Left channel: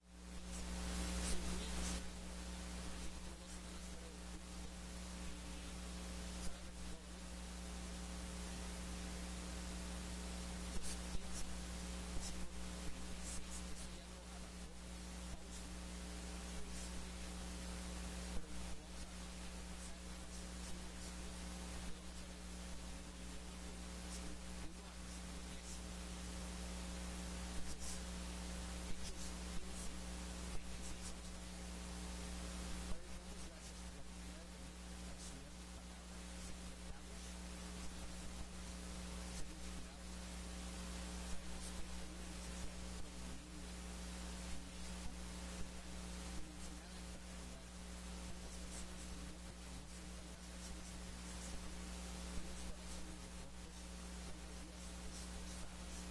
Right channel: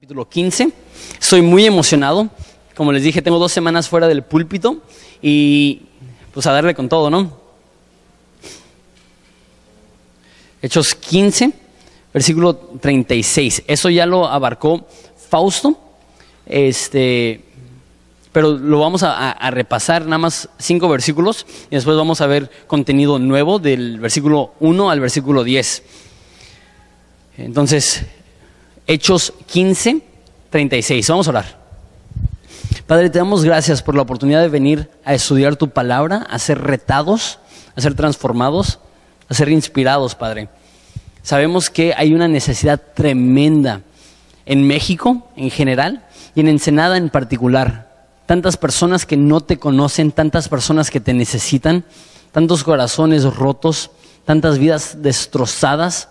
Capítulo 15. Estoy muy emocionado. Como les dije, tengo 2 semanas fuera del púlpito y pues a darle con todo, ¿no? Hechos 15, versículo 36. Eso ya lo abarcó Fausto, pero lo vamos a repasar nada más 5 versículos y después vamos a ver contenido nuevo del versículo 1 al versículo 10. Entonces, Hechos 15, 36. Vamos a orar. Padre, te damos gracias por la oportunidad de venir a estudiar tu palabra, a ser retados, a ser transformados, a ser inspirados, Padre. Sabemos que hay una necesidad tremenda en México en general y en Ensenada en particular. Tantas personas que no te conocen, tantas personas que te necesitan, tantos corazones rotos, tantas vidas destrozadas,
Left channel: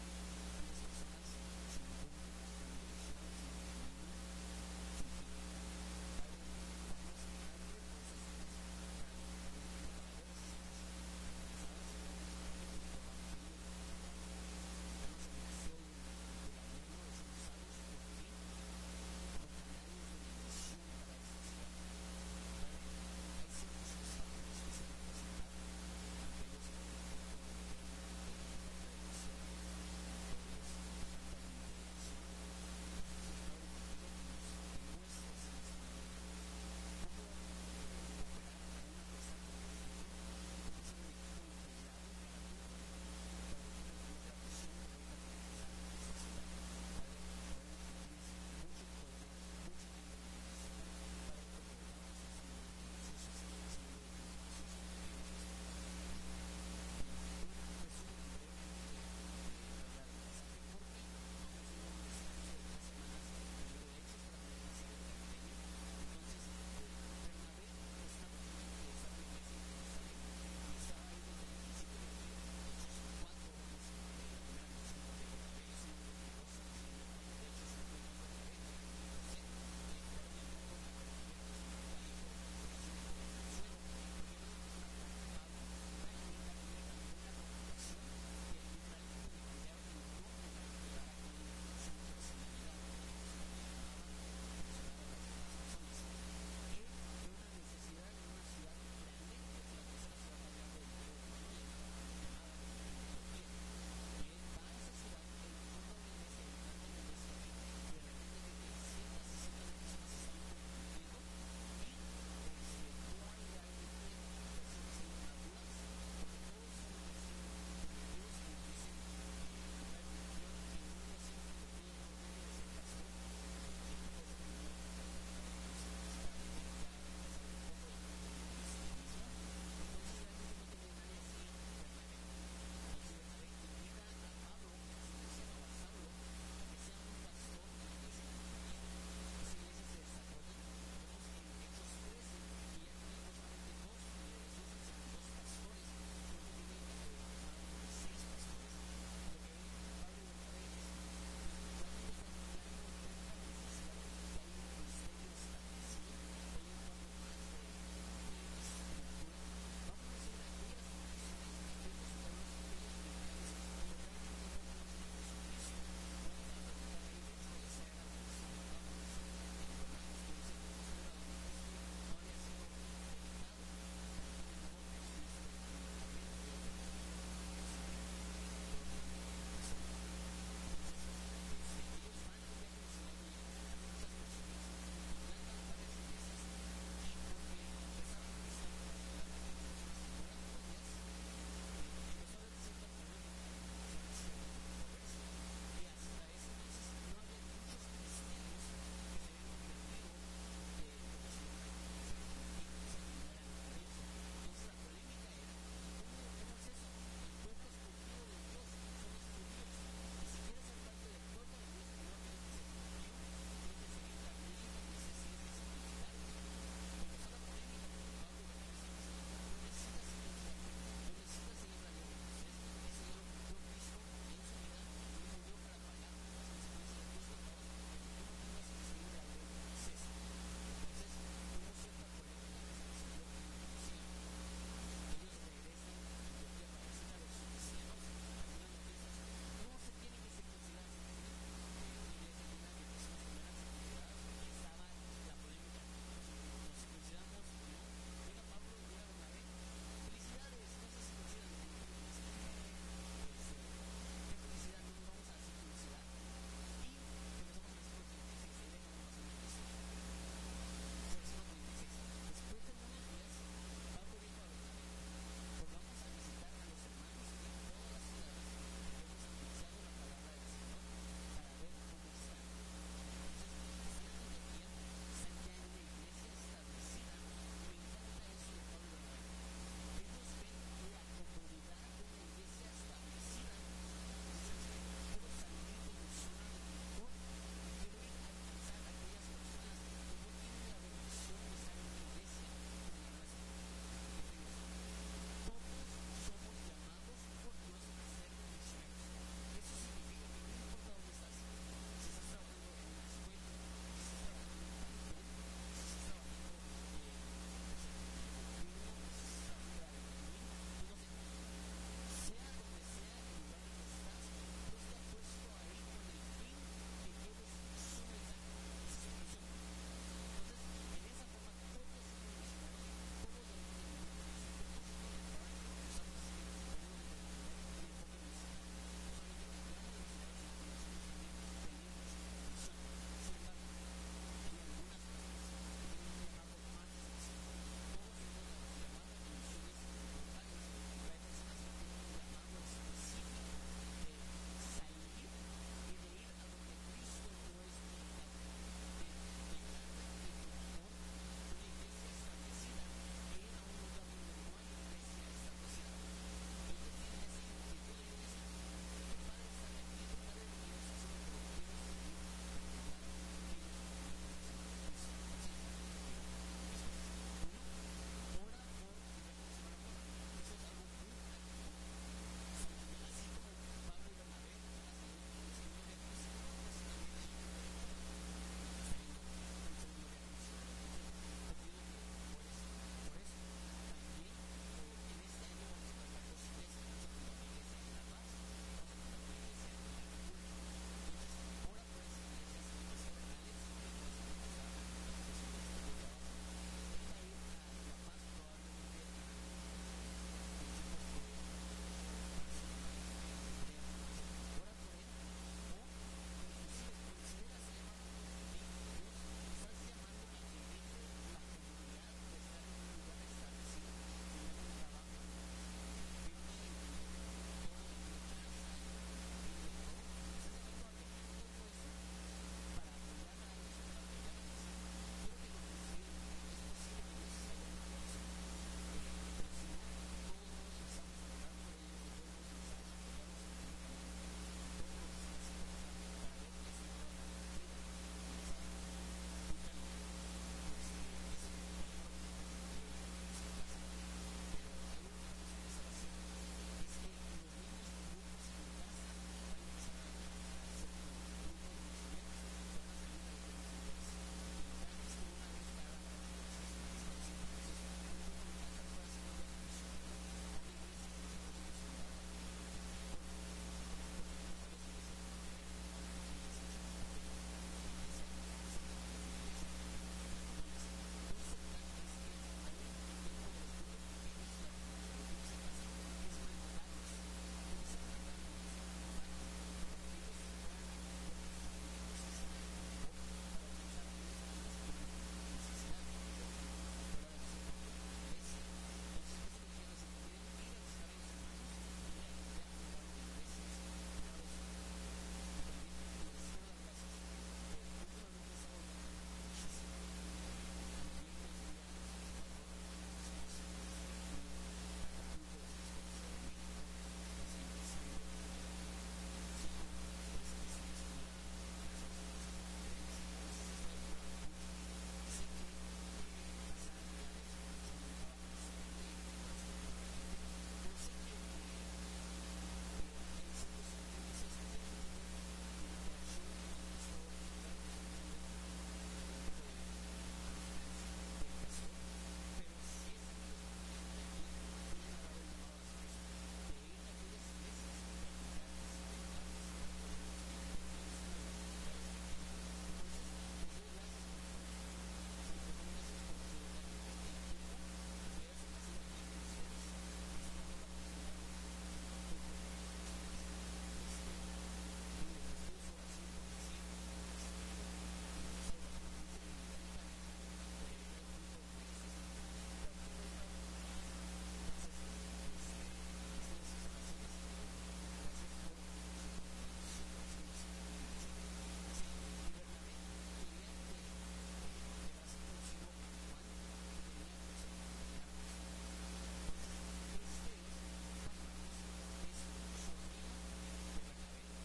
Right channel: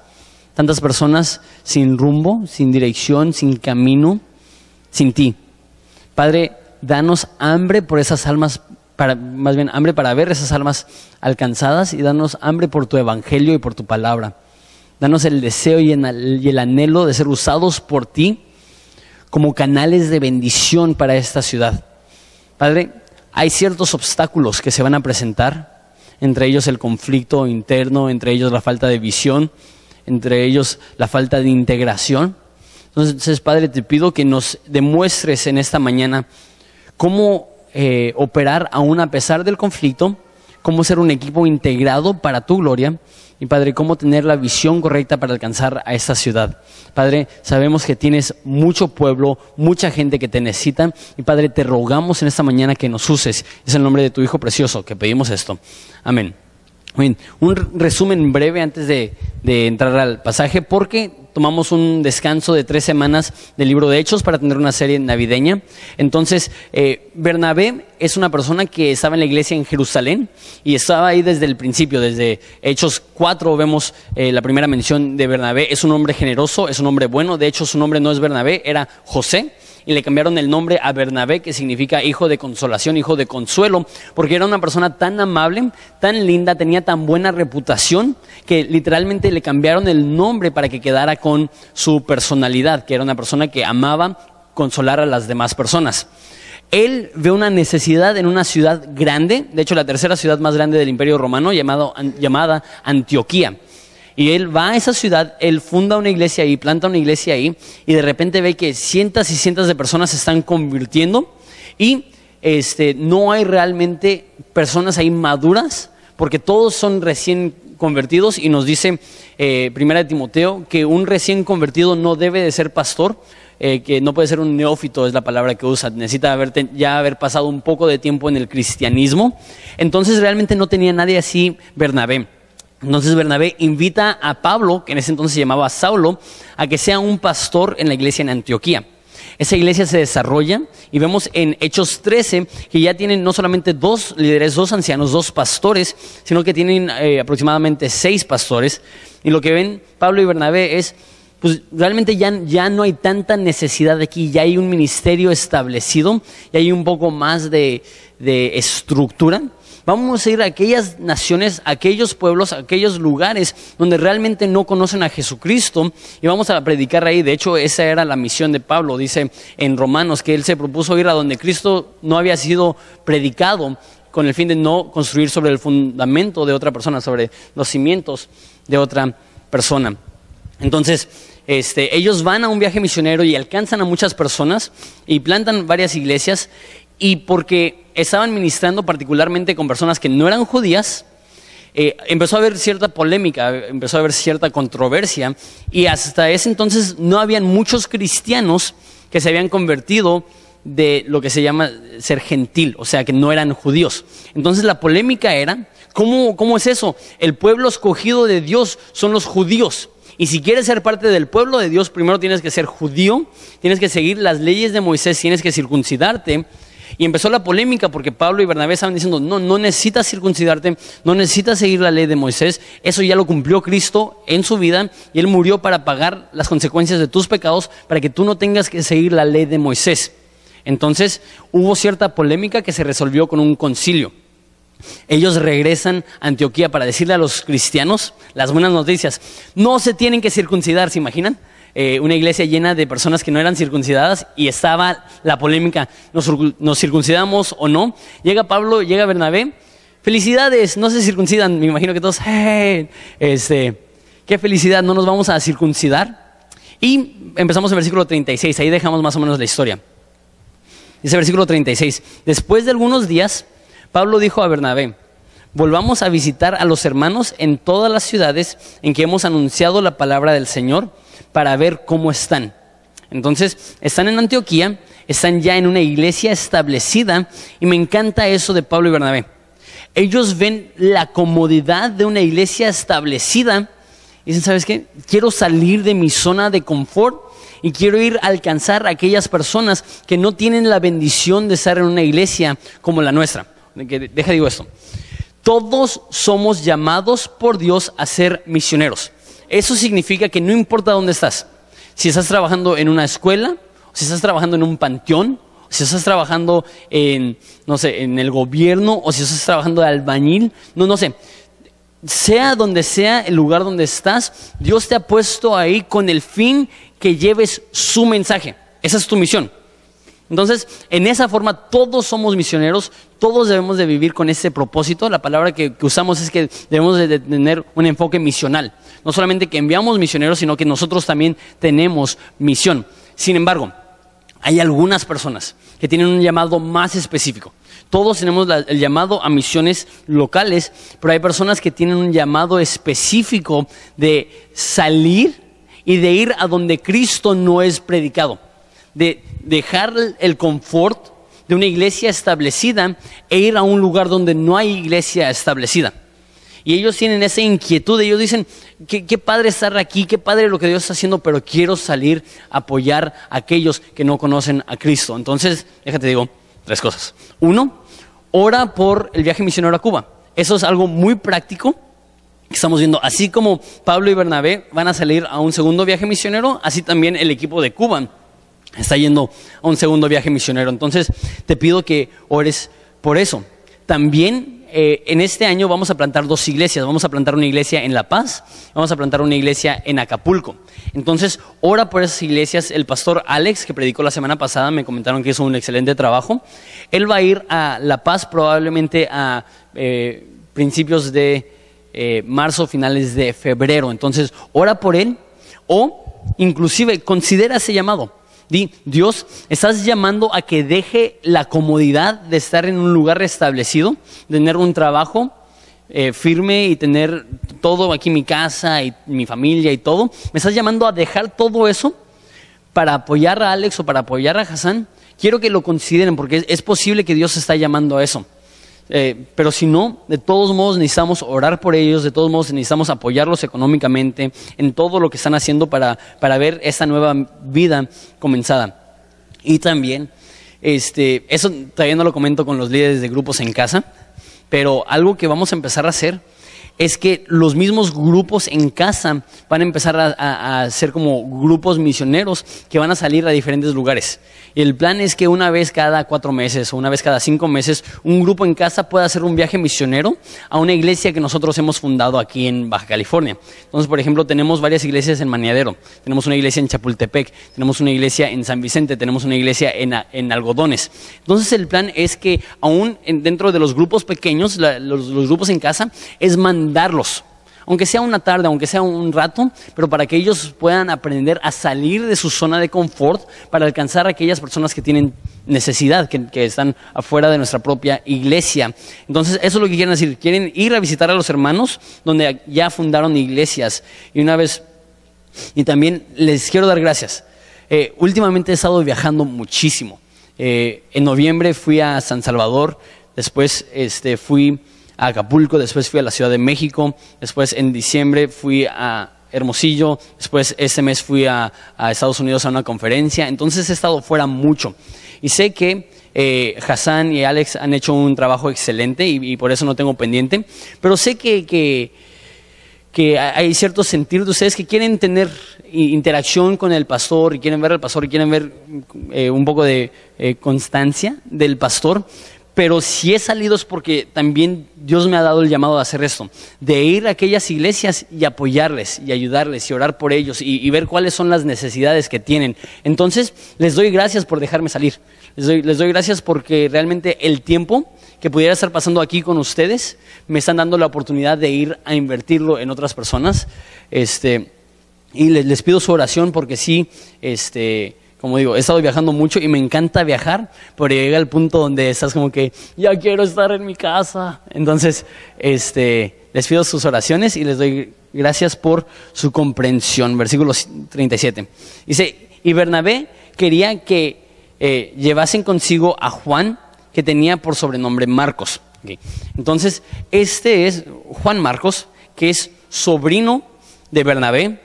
tantas personas sin rumbo, sin dirección, sin camino, sin ti. Padre, danos hambre por esas almas, hambre para ver esas almas alcanzadas, y danos hambre por tu evangelio y por tu palabra. Danos el deseo y el anhelo de ser usados por ti como canales de bendición para esta ciudad. Padre, hay ciertos obstáculos que se van a presentar, entre ellos el conflicto interno, entre ellos la falta de visión, entre ellos la falta de integración. Entonces, Padre, te pido que nos demuestres en esta mañana cómo operar aún a pesar del conflicto, cómo ser un equipo integrado para tu gloria, y Padre, cómo tener la visión correcta para alcanzar a esta ciudad. Padre, sabemos que tienes mucho pueblo, mucha gente que te necesita, y Padre, te rogamos en esta mañana que nos uses. Es el nombre de tu Hijo precioso que pedimos esto. Amén. Bien, un resumen breve antes de entrar al pasaje, porque tomamos un descanso de 3 semanas del libro de Hechos para tener una serie navideña. Entonces, Bernabé es una persona que estaba en la iglesia en Jerusalén y estaba ahí desde el principio. Desde Hechos 4 vemos la primera mención de Bernabé. Es un hombre generoso, es un hombre bueno. De hecho, su nombre no es Bernabé, era José. Y le cambiaron el nombre a Bernabé, que significa hijo de consolación, hijo de consuelo, porque era una persona tan amable, tan linda, tenía tan buena reputación, que literalmente le cambiaron el nombre para que quedara con su personalidad, que era una persona que amaba consolar a las demás personas. Él ve una necesidad en una ciudad grande, de hecho la tercera ciudad más grande del Imperio Romano, llamada Antioquía. Y él va a esa ciudad, él funda una iglesia ahí, planta una iglesia ahí, y de repente ve que cientos y cientos de personas se están convirtiendo, y no hay realmente personas ahí maduras, porque todos son recién convertidos, y nos dice Primera de Timoteo que un recién convertido no debe de ser pastor, que no puede ser un neófito, es la palabra que usa, necesita ya haber pasado un poco de tiempo en el cristianismo. Entonces realmente no tenía nadie así Bernabé. Entonces Bernabé invita a Pablo, que en ese entonces se llamaba Saulo, a que sea un pastor en la iglesia en Antioquía. Esa iglesia se desarrolla y vemos en Hechos 13 que ya tienen no solamente 2 líderes, 2 ancianos, 2 pastores, sino que tienen aproximadamente 6 pastores. Y lo que ven Pablo y Bernabé es, pues realmente ya no hay tanta necesidad aquí, ya hay un ministerio establecido, y hay un poco más de estructura. Vamos a ir a aquellas naciones, a aquellos pueblos, a aquellos lugares donde realmente no conocen a Jesucristo, y vamos a predicar ahí. De hecho, esa era la misión de Pablo. Dice en Romanos que él se propuso ir a donde Cristo no había sido predicado, con el fin de no construir sobre el fundamento de otra persona, sobre los cimientos de otra persona. Entonces, ellos van a un viaje misionero y alcanzan a muchas personas y plantan varias iglesias. Y porque estaban ministrando particularmente con personas que no eran judías, empezó a haber cierta polémica, empezó a haber cierta controversia, y hasta ese entonces no habían muchos cristianos que se habían convertido de lo que se llama ser gentil, o sea que no eran judíos. Entonces la polémica era, ¿cómo es eso? El pueblo escogido de Dios son los judíos. Y si quieres ser parte del pueblo de Dios, primero tienes que ser judío, tienes que seguir las leyes de Moisés, tienes que circuncidarte. Y empezó la polémica porque Pablo y Bernabé estaban diciendo, no necesitas circuncidarte, no necesitas seguir la ley de Moisés, eso ya lo cumplió Cristo en su vida, y Él murió para pagar las consecuencias de tus pecados, para que tú no tengas que seguir la ley de Moisés. Entonces hubo cierta polémica que se resolvió con un concilio. Ellos regresan a Antioquía para decirle a los cristianos las buenas noticias. No se tienen que circuncidar, ¿se imaginan? una iglesia llena de personas que no eran circuncidadas y estaba la polémica, ¿nos circuncidamos o no? Llega Pablo, llega Bernabé, felicidades, no se circuncidan, me imagino que todos, hey, qué felicidad, no nos vamos a circuncidar. Y empezamos en versículo 36, ahí dejamos más o menos la historia. Dice versículo 36, después de algunos días, Pablo dijo a Bernabé, volvamos a visitar a los hermanos en todas las ciudades en que hemos anunciado la palabra del Señor para ver cómo están. Entonces, están en Antioquía, están ya en una iglesia establecida y me encanta eso de Pablo y Bernabé. Ellos ven la comodidad de una iglesia establecida y dicen, ¿sabes qué? Quiero salir de mi zona de confort y quiero ir a alcanzar a aquellas personas que no tienen la bendición de estar en una iglesia como la nuestra. Digo esto. Todos somos llamados por Dios a ser misioneros. Eso significa que no importa dónde estás. Si estás trabajando en una escuela, si estás trabajando en un panteón, si estás trabajando en, no sé, en el gobierno, o si estás trabajando de albañil, no sé. Sea donde sea el lugar donde estás, Dios te ha puesto ahí con el fin que lleves su mensaje. Esa es tu misión. Entonces, en esa forma todos somos misioneros, todos debemos de vivir con ese propósito. La palabra que usamos es que debemos de tener un enfoque misional. No solamente que enviamos misioneros, sino que nosotros también tenemos misión. Sin embargo, hay algunas personas que tienen un llamado más específico. Todos tenemos el llamado a misiones locales, pero hay personas que tienen un llamado específico de salir y de ir a donde Cristo no es predicado, de dejar el confort de una iglesia establecida e ir a un lugar donde no hay iglesia establecida. Y ellos tienen esa inquietud, ellos dicen, qué padre estar aquí, qué padre lo que Dios está haciendo, pero quiero salir a apoyar a aquellos que no conocen a Cristo. Entonces, déjate digo 3 cosas. 1, ora por el viaje misionero a Cuba. Eso es algo muy práctico que estamos viendo. Así como Pablo y Bernabé van a salir a un segundo viaje misionero, así también el equipo de Cuba está yendo a un segundo viaje misionero. Entonces te pido que ores por eso. También en este año vamos a plantar 2 iglesias. Vamos a plantar una iglesia en La Paz, vamos a plantar una iglesia en Acapulco. Entonces ora por esas iglesias. El pastor Alex, que predicó la semana pasada, me comentaron que hizo un excelente trabajo. Él va a ir a La Paz probablemente a principios de marzo, finales de febrero. Entonces ora por él, o inclusive considera ese llamado. Di, Dios, estás llamando a que deje la comodidad de estar en un lugar establecido, de tener un trabajo firme y tener todo aquí, mi casa y mi familia y todo. Me estás llamando a dejar todo eso para apoyar a Alex o para apoyar a Hassan. Quiero que lo consideren, porque es posible que Dios está llamando a eso. Pero si no, de todos modos necesitamos orar por ellos, de todos modos necesitamos apoyarlos económicamente en todo lo que están haciendo para ver esta nueva vida comenzada. Y también, eso todavía no lo comento con los líderes de grupos en casa, pero algo que vamos a empezar a hacer es que los mismos grupos en casa van a empezar a ser como grupos misioneros que van a salir a diferentes lugares. Y el plan es que una vez cada 4 meses o una vez cada 5 meses un grupo en casa pueda hacer un viaje misionero a una iglesia que nosotros hemos fundado aquí en Baja California. Entonces, por ejemplo, tenemos varias iglesias en Maniadero, tenemos una iglesia en Chapultepec, tenemos una iglesia en San Vicente, tenemos una iglesia en Algodones. Entonces el plan es que aún dentro de los grupos pequeños, los grupos en casa, es mandarlos, aunque sea una tarde, aunque sea un rato, pero para que ellos puedan aprender a salir de su zona de confort para alcanzar a aquellas personas que tienen necesidad, que están afuera de nuestra propia iglesia. Entonces eso es lo que quieren decir, quieren ir a visitar a los hermanos donde ya fundaron iglesias. Y también les quiero dar gracias. Últimamente he estado viajando muchísimo. En noviembre fui a San Salvador, después fui a Acapulco, después fui a la Ciudad de México, después en diciembre fui a Hermosillo, después este mes fui a Estados Unidos a una conferencia. Entonces he estado fuera mucho y sé que Hassan y Alex han hecho un trabajo excelente y por eso no tengo pendiente, pero sé que hay cierto sentir de ustedes que quieren tener interacción con el pastor y quieren ver al pastor y quieren ver un poco de constancia del pastor. pero si he salido es porque también Dios me ha dado el llamado de hacer esto, de ir a aquellas iglesias y apoyarles y ayudarles y orar por ellos y ver cuáles son las necesidades que tienen. Entonces les doy gracias por dejarme salir, les doy gracias porque realmente el tiempo que pudiera estar pasando aquí con ustedes me están dando la oportunidad de ir a invertirlo en otras personas. Y les pido su oración porque sí, como digo, he estado viajando mucho y me encanta viajar, pero llega el punto donde estás como que ya quiero estar en mi casa. Entonces, les pido sus oraciones y les doy gracias por su comprensión. Versículo 37. Dice, y Bernabé quería que llevasen consigo a Juan, que tenía por sobrenombre Marcos. Okay. Entonces, este es Juan Marcos, que es sobrino de Bernabé,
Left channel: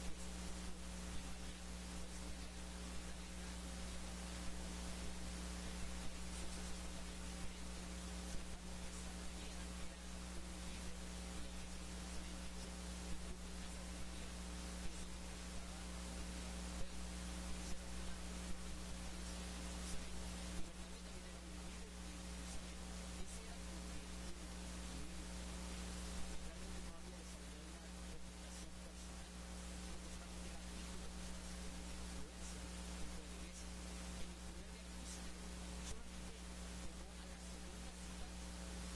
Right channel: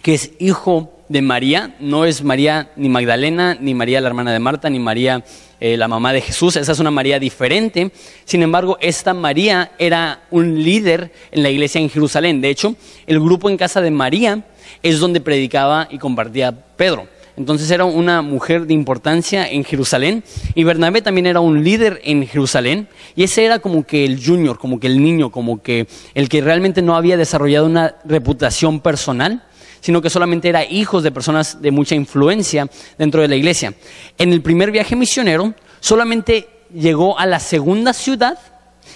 que es hijo de María. No es María ni Magdalena, ni María la hermana de Marta, ni María la mamá de Jesús. Esa es una María diferente. Sin embargo, esta María era un líder en la iglesia en Jerusalén. De hecho, el grupo en casa de María es donde predicaba y compartía Pedro. Entonces era una mujer de importancia en Jerusalén, y Bernabé también era un líder en Jerusalén, y ese era como que el junior, como que el niño, como que el que realmente no había desarrollado una reputación personal, sino que solamente era hijos de personas de mucha influencia dentro de la iglesia. En el primer viaje misionero solamente llegó a la segunda ciudad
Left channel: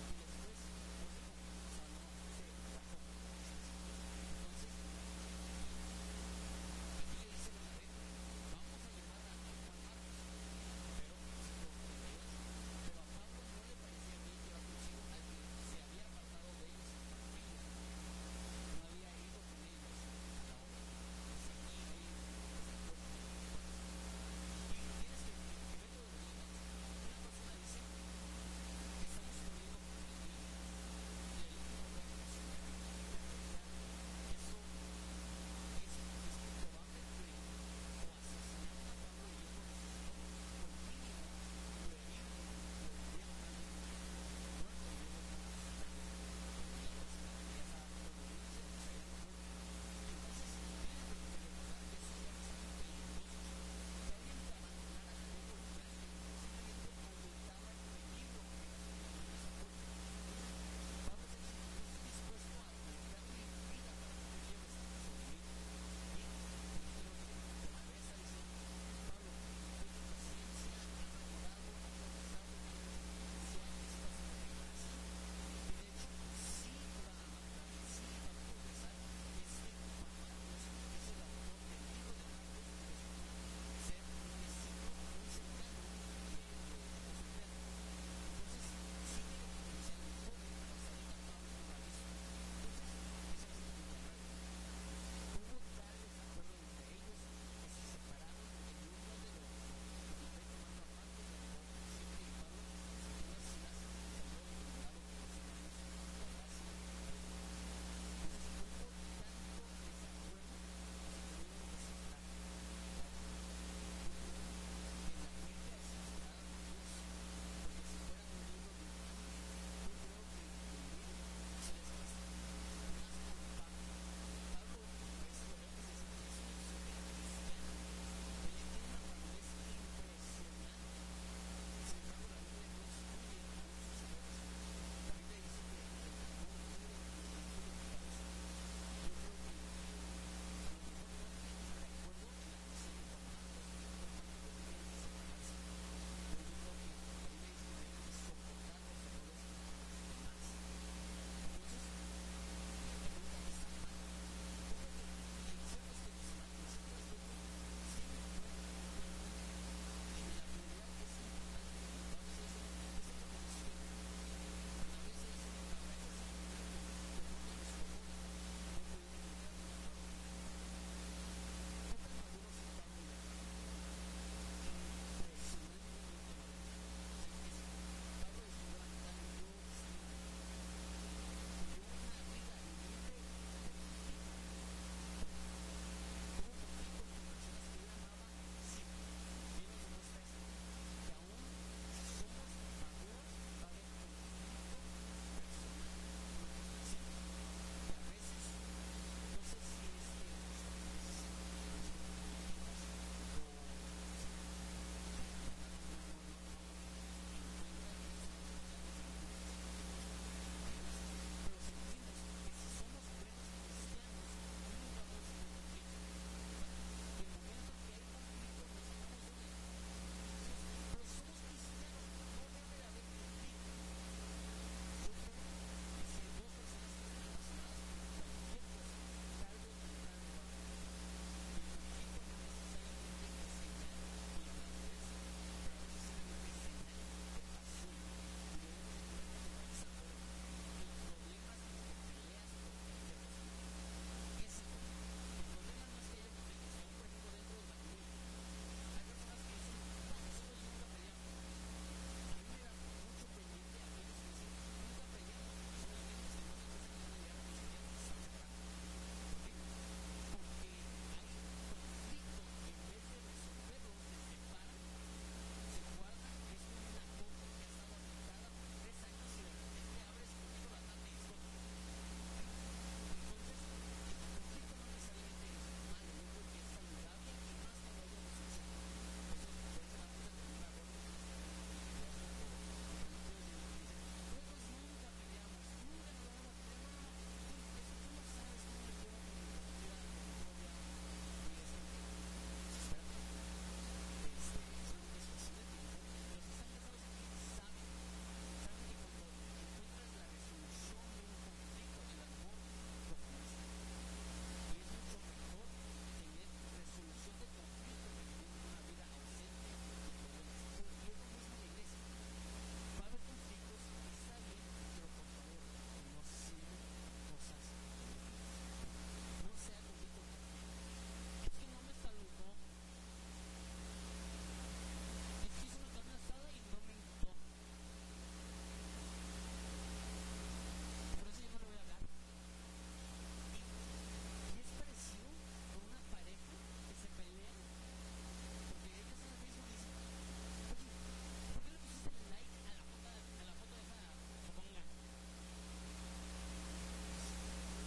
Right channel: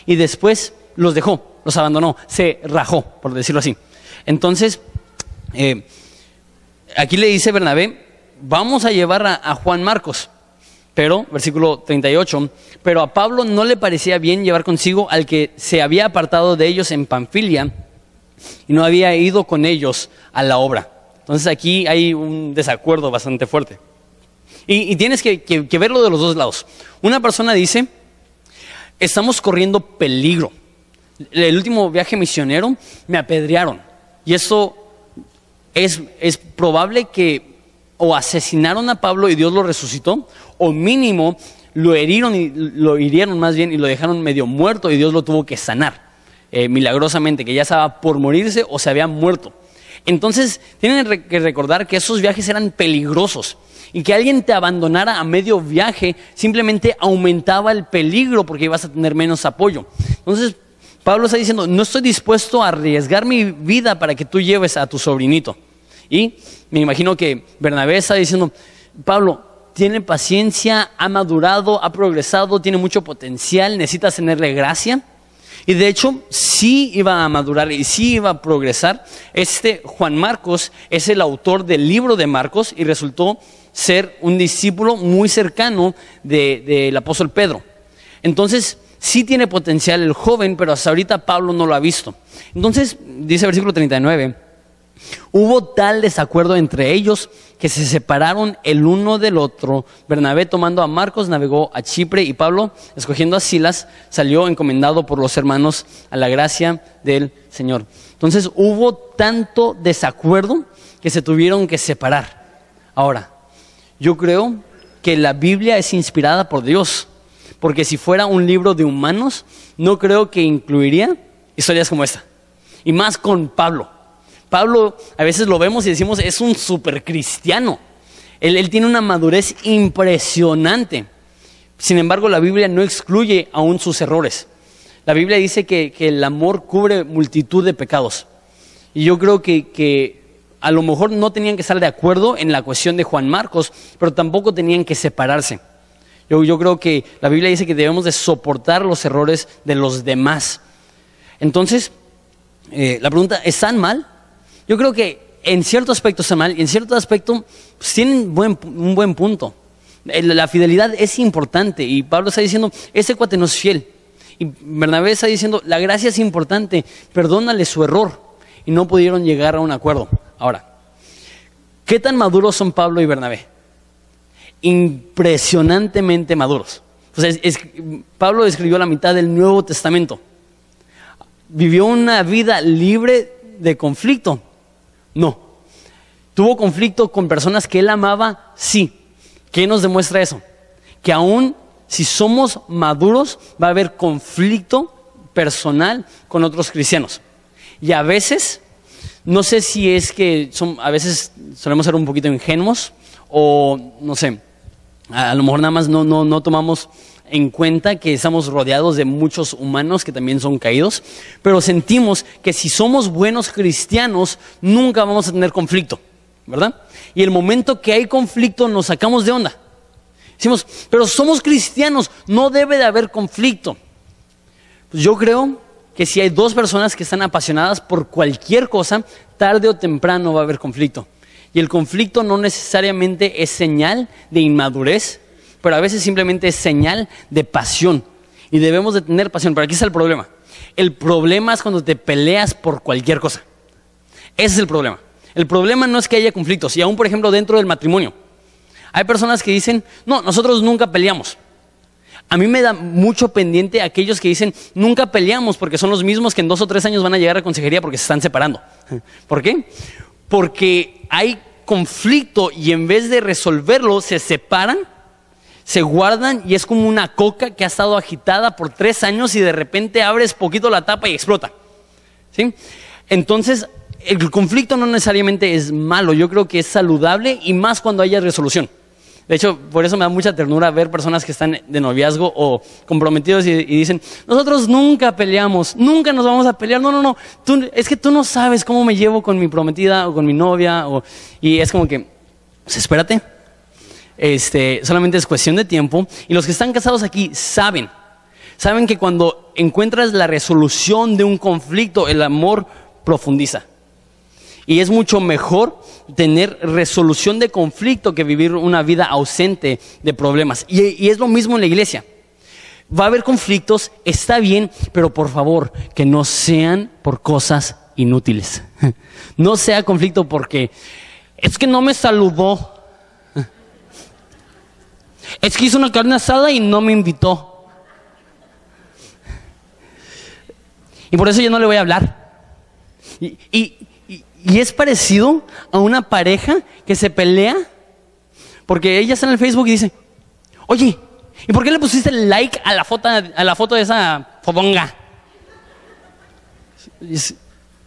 y después los dejó, los abandonó, se rajó, por decirlo así. Entonces, aquí le dice Bernabé, vamos a llevar a Juan Marcos, pero, versículo 38, pero a Pablo no le parecía bien llevar consigo al que se había apartado de ellos en Panfilia y no había ido con ellos a la obra. Entonces aquí hay un desacuerdo bastante fuerte. Y tienes que verlo de los dos lados. Una persona dice, estamos corriendo peligro. El último viaje misionero me apedrearon. Y eso es probable que o asesinaron a Pablo y Dios lo resucitó, o mínimo lo hirieron más bien y lo dejaron medio muerto y Dios lo tuvo que sanar milagrosamente, que ya estaba por morirse o se había muerto. Entonces tienen que recordar que esos viajes eran peligrosos y que alguien te abandonara a medio viaje simplemente aumentaba el peligro porque ibas a tener menos apoyo. Entonces Pablo está diciendo, no estoy dispuesto a arriesgar mi vida para que tú lleves a tu sobrinito. Y me imagino que Bernabé está diciendo, Pablo, tiene paciencia, ha madurado, ha progresado, tiene mucho potencial, necesitas tenerle gracia. Y de hecho, sí iba a madurar y sí iba a progresar. Juan Marcos es el autor del libro de Marcos y resultó ser un discípulo muy cercano del apóstol Pedro. Entonces, sí tiene potencial el joven, pero hasta ahorita Pablo no lo ha visto. Entonces, dice el versículo 39, hubo tal desacuerdo entre ellos que se separaron el uno del otro. Bernabé, tomando a Marcos, navegó a Chipre, y Pablo, escogiendo a Silas, salió encomendado por los hermanos a la gracia del Señor. Entonces hubo tanto desacuerdo que se tuvieron que separar. Ahora, yo creo que la Biblia es inspirada por Dios, porque si fuera un libro de humanos, no creo que incluiría historias como esta, y más con Pablo. Pablo a veces lo vemos y decimos, es un súper cristiano. Él tiene una madurez impresionante. Sin embargo, la Biblia no excluye aún sus errores. La Biblia dice que el amor cubre multitud de pecados. Y yo creo que a lo mejor no tenían que estar de acuerdo en la cuestión de Juan Marcos, pero tampoco tenían que separarse. Yo creo que la Biblia dice que debemos de soportar los errores de los demás. Entonces, la pregunta, ¿están mal? Yo creo que en cierto aspecto está mal y en cierto aspecto pues, tienen un buen punto. La fidelidad es importante y Pablo está diciendo, ese cuate no es fiel. Y Bernabé está diciendo, la gracia es importante, perdónale su error. Y no pudieron llegar a un acuerdo. Ahora, ¿qué tan maduros son Pablo y Bernabé? Impresionantemente maduros. O sea, Pablo escribió la mitad del Nuevo Testamento. Vivió una vida libre de conflicto. No. ¿Tuvo conflicto con personas que él amaba? Sí. ¿Qué nos demuestra eso? Que aún si somos maduros va a haber conflicto personal con otros cristianos. Y a veces, no sé si es que a veces solemos ser un poquito ingenuos o no sé, a lo mejor nada más no tomamos en cuenta que estamos rodeados de muchos humanos que también son caídos, pero sentimos que si somos buenos cristianos, nunca vamos a tener conflicto, ¿verdad? Y el momento que hay conflicto nos sacamos de onda. Decimos, pero somos cristianos, no debe de haber conflicto. Pues yo creo que si hay dos personas que están apasionadas por cualquier cosa, tarde o temprano va a haber conflicto. Y el conflicto no necesariamente es señal de inmadurez, pero a veces simplemente es señal de pasión. Y debemos de tener pasión, pero aquí está el problema. El problema es cuando te peleas por cualquier cosa. Ese es el problema. El problema no es que haya conflictos, y aún por ejemplo dentro del matrimonio. Hay personas que dicen, no, nosotros nunca peleamos. A mí me da mucho pendiente aquellos que dicen, nunca peleamos, porque son los mismos que en 2 o 3 años van a llegar a consejería porque se están separando. ¿Por qué? Porque hay conflicto y en vez de resolverlo, se separan, se guardan y es como una coca que ha estado agitada por 3 años y de repente abres poquito la tapa y explota. ¿Sí? Entonces, el conflicto no necesariamente es malo, yo creo que es saludable y más cuando haya resolución. De hecho, por eso me da mucha ternura ver personas que están de noviazgo o comprometidos y dicen, nosotros nunca peleamos, nunca nos vamos a pelear. No, es que tú no sabes cómo me llevo con mi prometida o con mi novia. Y es como que, pues espérate, solamente es cuestión de tiempo. Y los que están casados aquí saben que cuando encuentras la resolución de un conflicto, el amor profundiza. Y es mucho mejor tener resolución de conflicto que vivir una vida ausente de problemas. Y es lo mismo en la iglesia. Va a haber conflictos, está bien, pero por favor, que no sean por cosas inútiles. No sea conflicto porque es que no me saludó. Es que hizo una carne asada y no me invitó. Y por eso yo no le voy a hablar. Y es parecido a una pareja que se pelea porque ella está en el Facebook y dice, oye, ¿y por qué le pusiste like a la foto de esa fodonga?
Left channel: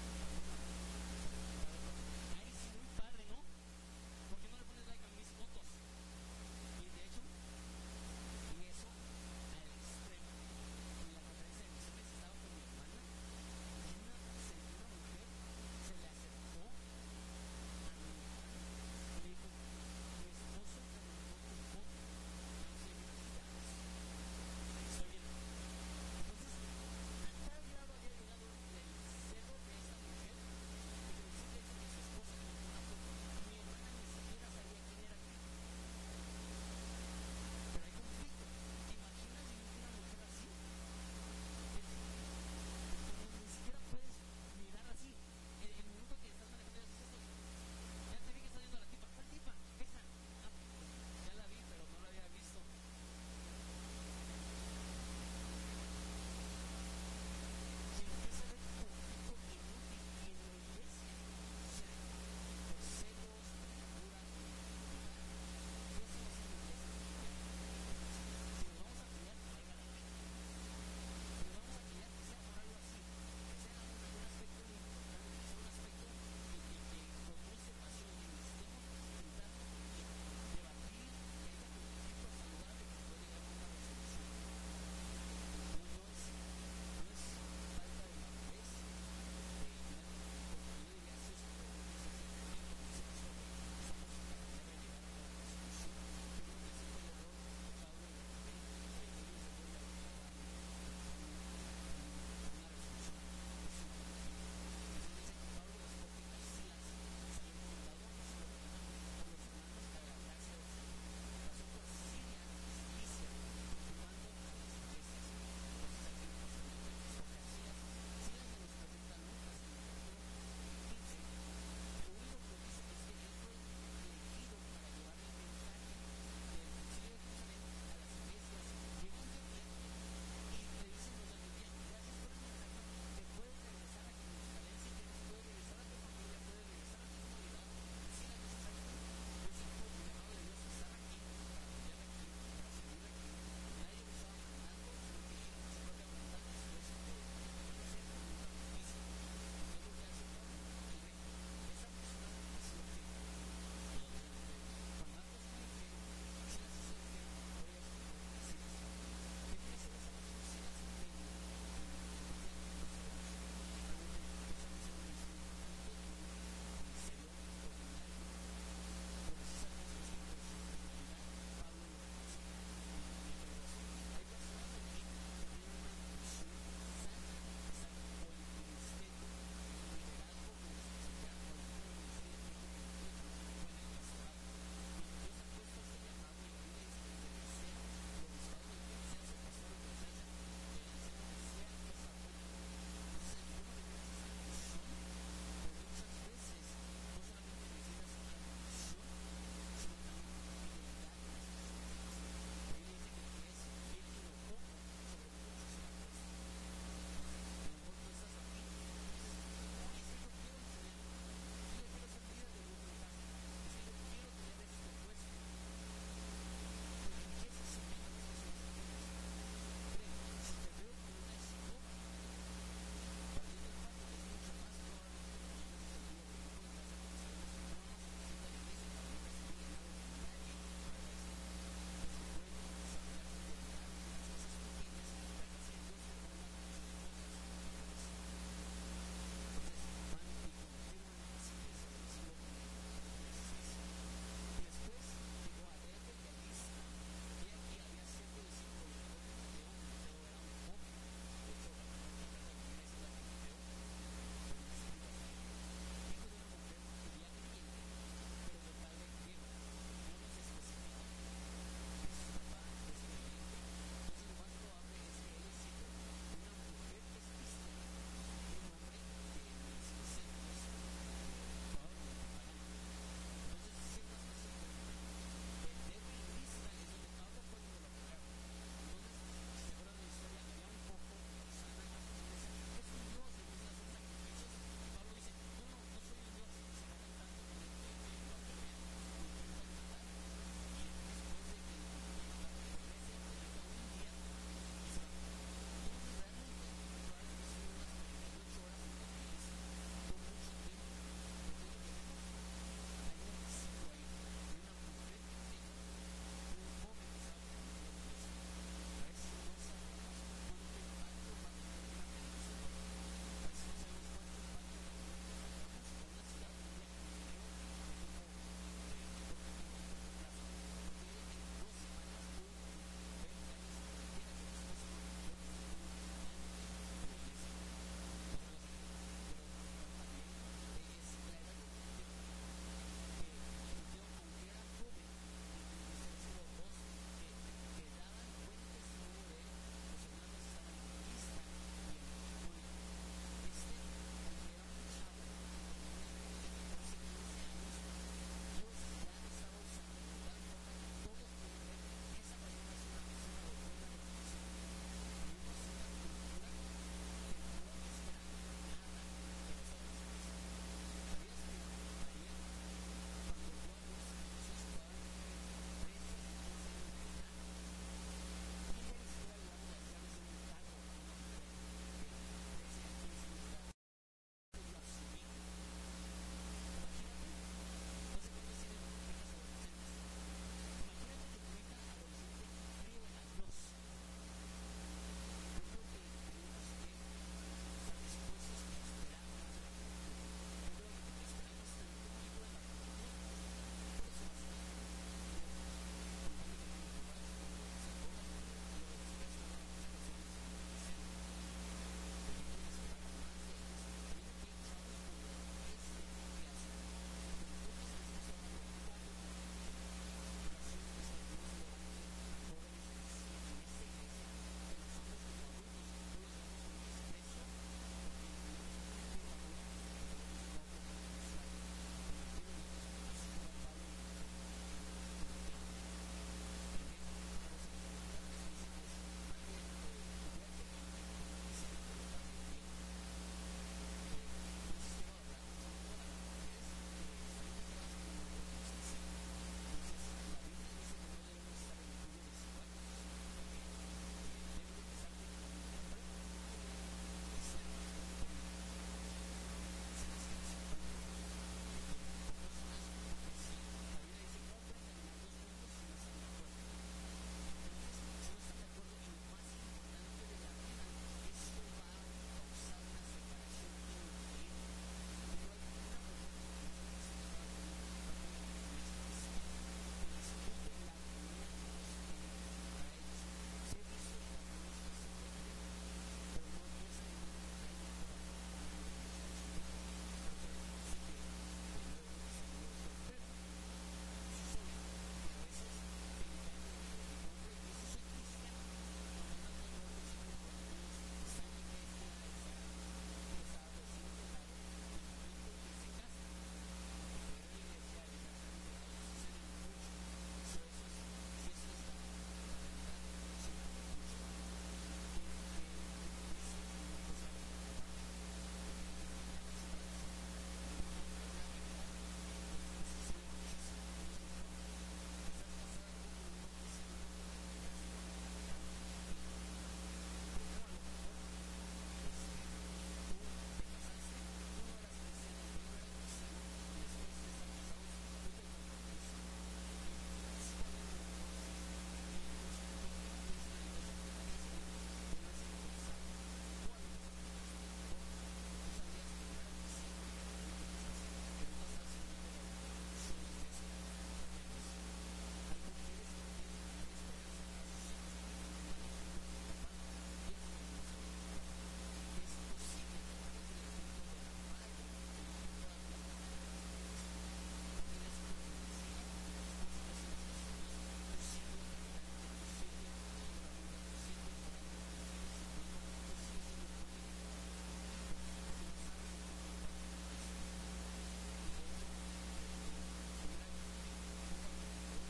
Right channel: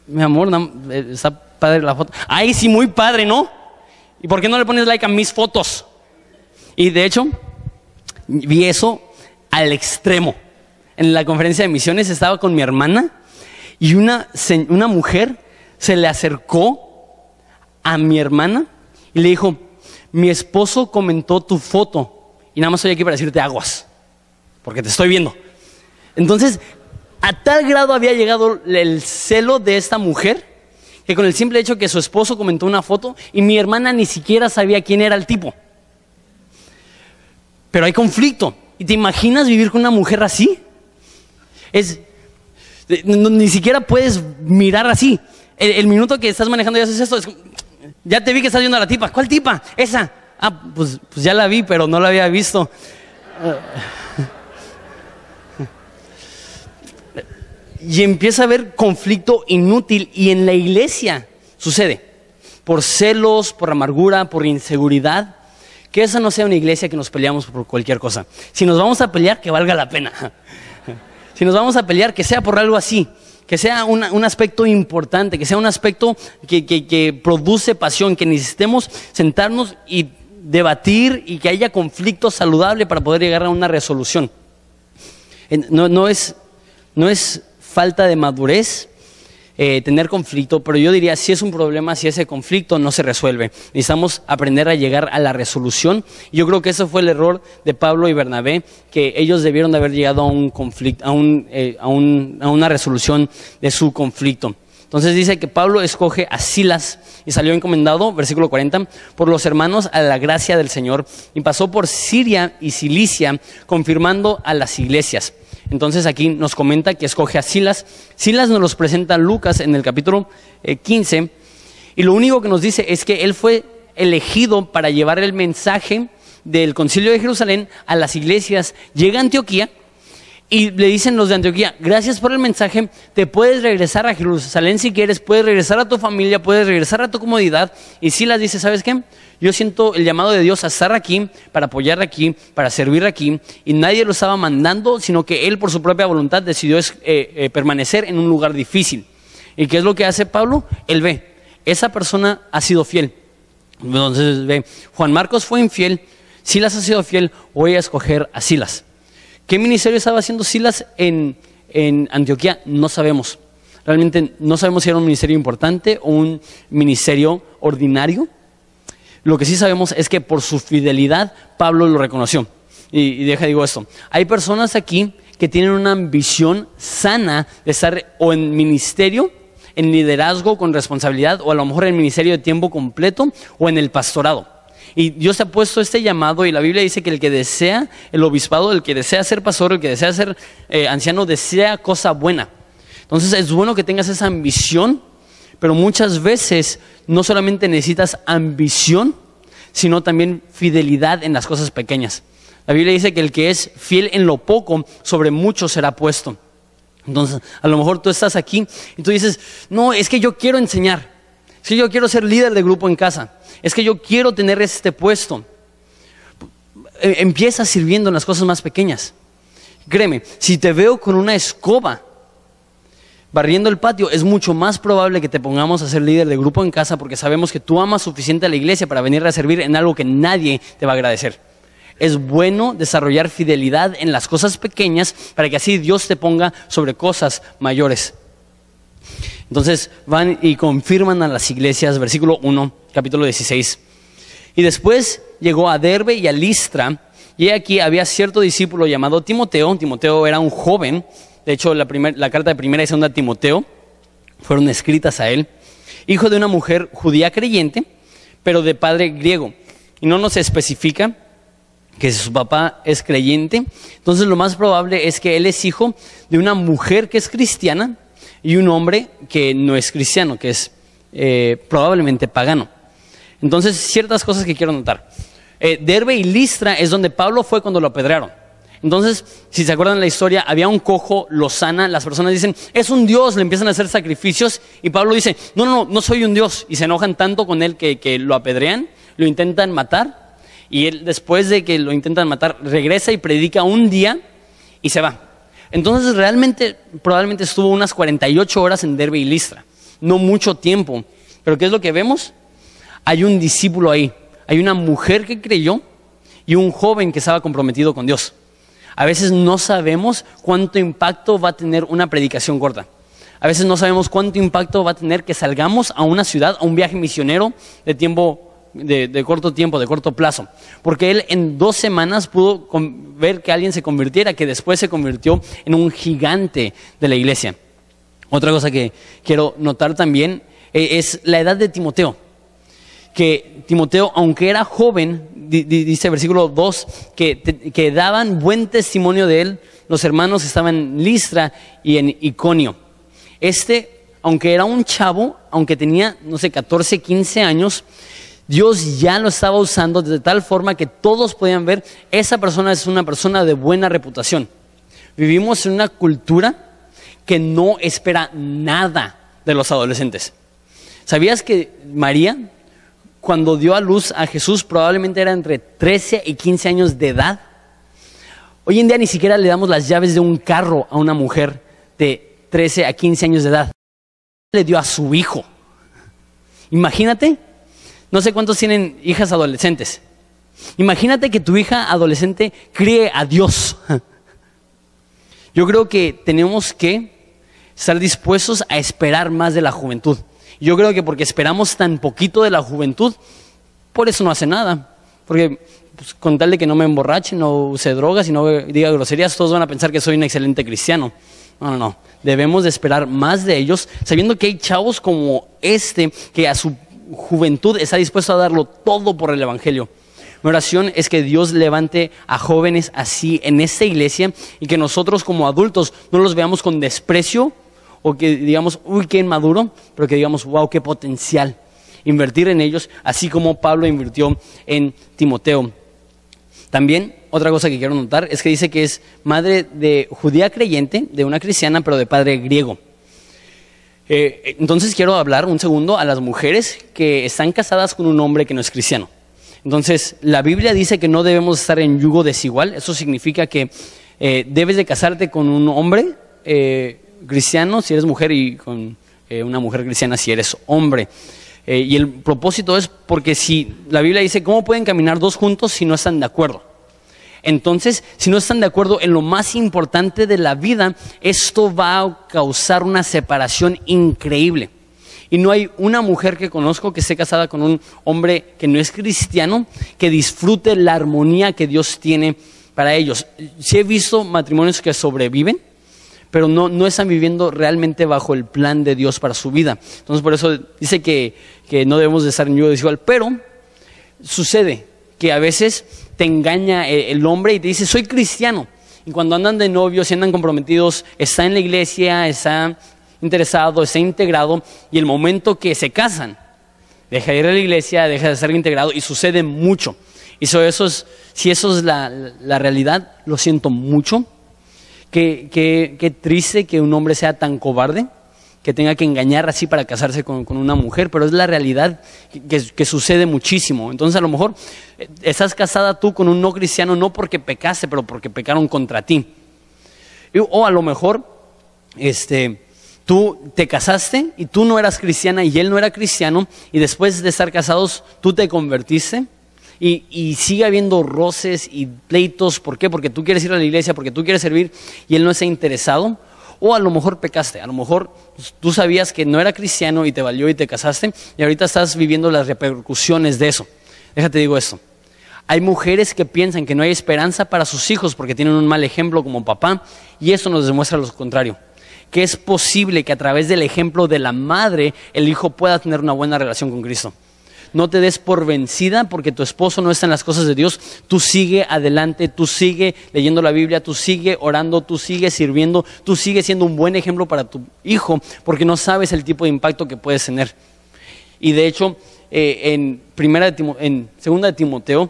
Mi amor, está padre la foto. Ay, sí, muy padre, ¿no? ¿Y por qué no le pones like a mis fotos? Y de hecho, vi eso al extremo. En la conferencia de misiones estaba con mi hermana y una mujer se le acercó a mi hermana y le dijo, mi esposo comentó tu foto y nada más estoy aquí para decirte aguas, porque te estoy viendo. Entonces, a tal grado había llegado el celo de esta mujer que con el simple hecho que su esposo comentó una foto y mi hermana ni siquiera sabía quién era el tipo. Pero hay conflicto. ¿Y te imaginas vivir con una mujer así? Ni siquiera puedes mirar así. El minuto que estás manejando y haces esto, ya te vi que estás viendo a la tipa. ¿Cuál tipa? Esa. Pues ya la vi, pero no la había visto. Y empieza a haber conflicto inútil. Y en la iglesia sucede. Por celos, por amargura, por inseguridad. Que esa no sea una iglesia que nos peleamos por cualquier cosa. Si nos vamos a pelear, que valga la pena. Si nos vamos a pelear, que sea por algo así. Que sea un aspecto importante, que sea un aspecto que produce pasión, que necesitemos sentarnos y debatir y que haya conflicto saludable para poder llegar a una resolución. No es falta de madurez tener conflicto, pero yo diría si es un problema, si ese conflicto no se resuelve. Necesitamos aprender a llegar a la resolución. Yo creo que ese fue el error de Pablo y Bernabé, que ellos debieron de haber llegado a un conflicto, a una resolución de su conflicto. Entonces dice que Pablo escoge a Silas y salió encomendado, versículo 40, por los hermanos a la gracia del Señor, y pasó por Siria y Cilicia, confirmando a las iglesias. Entonces aquí nos comenta que escoge a Silas. Silas nos los presenta Lucas en el capítulo 15, y lo único que nos dice es que él fue elegido para llevar el mensaje del concilio de Jerusalén a las iglesias. Llega a Antioquía y le dicen los de Antioquía, gracias por el mensaje, te puedes regresar a Jerusalén si quieres, puedes regresar a tu familia, puedes regresar a tu comodidad. Y Silas dice, ¿sabes qué? Yo siento el llamado de Dios a estar aquí, para apoyar aquí, para servir aquí, y nadie lo estaba mandando, sino que él por su propia voluntad decidió permanecer en un lugar difícil. ¿Y qué es lo que hace Pablo? Él ve, esa persona ha sido fiel. Entonces ve, Juan Marcos fue infiel, Silas ha sido fiel, voy a escoger a Silas. ¿Qué ministerio estaba haciendo Silas en Antioquía? No sabemos. Realmente no sabemos si era un ministerio importante o un ministerio ordinario. Lo que sí sabemos es que por su fidelidad Pablo lo reconoció. Y digo esto, hay personas aquí que tienen una ambición sana de estar o en ministerio, en liderazgo con responsabilidad, o a lo mejor en ministerio de tiempo completo o en el pastorado. Y Dios ha puesto este llamado, y la Biblia dice que el que desea el obispado, el que desea ser pastor, el que desea ser anciano, desea cosa buena. Entonces es bueno que tengas esa ambición, pero muchas veces no solamente necesitas ambición, sino también fidelidad en las cosas pequeñas. La Biblia dice que el que es fiel en lo poco, sobre mucho será puesto. Entonces, a lo mejor tú estás aquí y tú dices, no, es que yo quiero enseñar, es que yo quiero ser líder de grupo en casa, es que yo quiero tener este puesto. Empieza sirviendo en las cosas más pequeñas. Créeme, si te veo con una escoba barriendo el patio, es mucho más probable que te pongamos a ser líder de grupo en casa, porque sabemos que tú amas suficiente a la iglesia para venir a servir en algo que nadie te va a agradecer. Es bueno desarrollar fidelidad en las cosas pequeñas para que así Dios te ponga sobre cosas mayores. Entonces van y confirman a las iglesias, versículo 1, capítulo 16. Y después llegó a Derbe y a Listra, y aquí había cierto discípulo llamado Timoteo. Timoteo era un joven. De hecho, la carta de primera y segunda Timoteo fueron escritas a él, hijo de una mujer judía creyente, pero de padre griego. Y no nos especifica que su papá es creyente. Entonces lo más probable es que él es hijo de una mujer que es cristiana y un hombre que no es cristiano, que es probablemente pagano. Entonces, ciertas cosas que quiero notar. Derbe y Listra es donde Pablo fue cuando lo apedrearon. Entonces, si se acuerdan la historia, había un cojo, lo sana, las personas dicen, es un dios, le empiezan a hacer sacrificios, y Pablo dice, no soy un dios, y se enojan tanto con él que lo apedrean, lo intentan matar, y él, después de que lo intentan matar, regresa y predica un día y se va. Entonces probablemente estuvo unas 48 horas en Derbe y Listra, no mucho tiempo. Pero ¿qué es lo que vemos? Hay un discípulo ahí, hay una mujer que creyó y un joven que estaba comprometido con Dios. A veces no sabemos cuánto impacto va a tener una predicación corta. A veces no sabemos cuánto impacto va a tener que salgamos a una ciudad, a un viaje misionero de corto tiempo, de corto plazo. Porque él en 2 semanas pudo ver que alguien se convirtiera, que después se convirtió en un gigante de la iglesia. Otra cosa que quiero notar también es la edad de Timoteo. Que Timoteo, aunque era joven, dice versículo 2, que daban buen testimonio de él los hermanos que estaban en Listra y en Iconio. Aunque era un chavo, aunque tenía, 14, 15 años, Dios ya lo estaba usando de tal forma que todos podían ver, esa persona es una persona de buena reputación. Vivimos en una cultura que no espera nada de los adolescentes. ¿Sabías que María, cuando dio a luz a Jesús, probablemente era entre 13 y 15 años de edad? Hoy en día ni siquiera le damos las llaves de un carro a una mujer de 13 a 15 años de edad. Le dio a su hijo. Imagínate, no sé cuántos tienen hijas adolescentes. Imagínate que tu hija adolescente críe a Dios. Yo creo que tenemos que estar dispuestos a esperar más de la juventud. Yo creo que porque esperamos tan poquito de la juventud, por eso no hace nada. Porque pues, con tal de que no me emborrache, no use drogas y no diga groserías, todos van a pensar que soy un excelente cristiano. No. Debemos de esperar más de ellos, sabiendo que hay chavos como que a su juventud está dispuesto a darlo todo por el evangelio. Mi oración es que Dios levante a jóvenes así en esta iglesia y que nosotros como adultos no los veamos con desprecio, o que digamos, uy, qué inmaduro, pero que digamos, wow, qué potencial. Invertir en ellos, así como Pablo invirtió en Timoteo. También, otra cosa que quiero notar es que dice que es madre de judía creyente, de una cristiana, pero de padre griego. Entonces quiero hablar un segundo a las mujeres que están casadas con un hombre que no es cristiano. Entonces, la Biblia dice que no debemos estar en yugo desigual. Eso significa que debes de casarte con un hombre cristiano si eres mujer y con una mujer cristiana si eres hombre. Y el propósito es porque si la Biblia dice, ¿cómo pueden caminar dos juntos si no están de acuerdo? Entonces, si no están de acuerdo en lo más importante de la vida, esto va a causar una separación increíble. Y no hay una mujer que conozco que esté casada con un hombre que no es cristiano, que disfrute la armonía que Dios tiene para ellos. Sí he visto matrimonios que sobreviven, pero no están viviendo realmente bajo el plan de Dios para su vida. Entonces, por eso dice que no debemos de estar en yugo desigual. Pero sucede que a veces te engaña el hombre y te dice, soy cristiano. Y cuando andan de novios y andan comprometidos, está en la iglesia, está interesado, está integrado, y el momento que se casan, deja de ir a la iglesia, deja de ser integrado, y sucede mucho. Y si eso es la realidad, lo siento mucho. Qué triste que un hombre sea tan cobarde, que tenga que engañar así para casarse con una mujer, pero es la realidad que sucede muchísimo. Entonces, a lo mejor estás casada tú con un no cristiano, no porque pecaste, pero porque pecaron contra ti. O a lo mejor tú te casaste y tú no eras cristiana y él no era cristiano, y después de estar casados tú te convertiste, y sigue habiendo roces y pleitos. ¿Por qué? Porque tú quieres ir a la iglesia, porque tú quieres servir y él no está interesado. O a lo mejor pecaste, a lo mejor tú sabías que no era cristiano y te valió y te casaste, y ahorita estás viviendo las repercusiones de eso. Déjate digo esto, hay mujeres que piensan que no hay esperanza para sus hijos porque tienen un mal ejemplo como papá, y eso nos demuestra lo contrario, que es posible que a través del ejemplo de la madre el hijo pueda tener una buena relación con Cristo. No te des por vencida porque tu esposo no está en las cosas de Dios. Tú sigue adelante, tú sigue leyendo la Biblia, tú sigue orando, tú sigue sirviendo, tú sigue siendo un buen ejemplo para tu hijo, porque no sabes el tipo de impacto que puedes tener. Y de hecho, en 2 de Timoteo,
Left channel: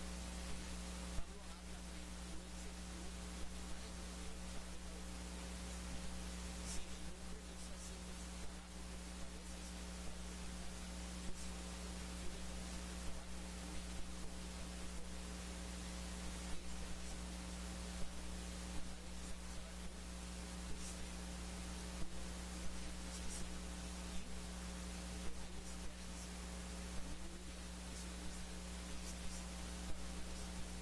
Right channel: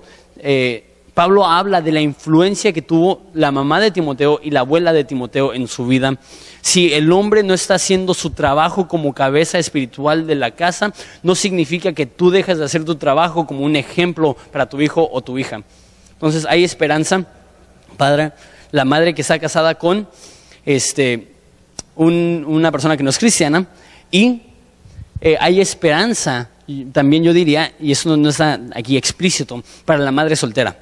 Pablo habla de la influencia que tuvo la mamá de Timoteo y la abuela de Timoteo en su vida. Si el hombre no está haciendo su trabajo como cabeza espiritual de la casa, no significa que tú dejas de hacer tu trabajo como un ejemplo para tu hijo o tu hija. Entonces hay esperanza para la madre que está casada con una persona que no es cristiana, y hay esperanza, también yo diría, y eso no está aquí explícito, para la madre soltera.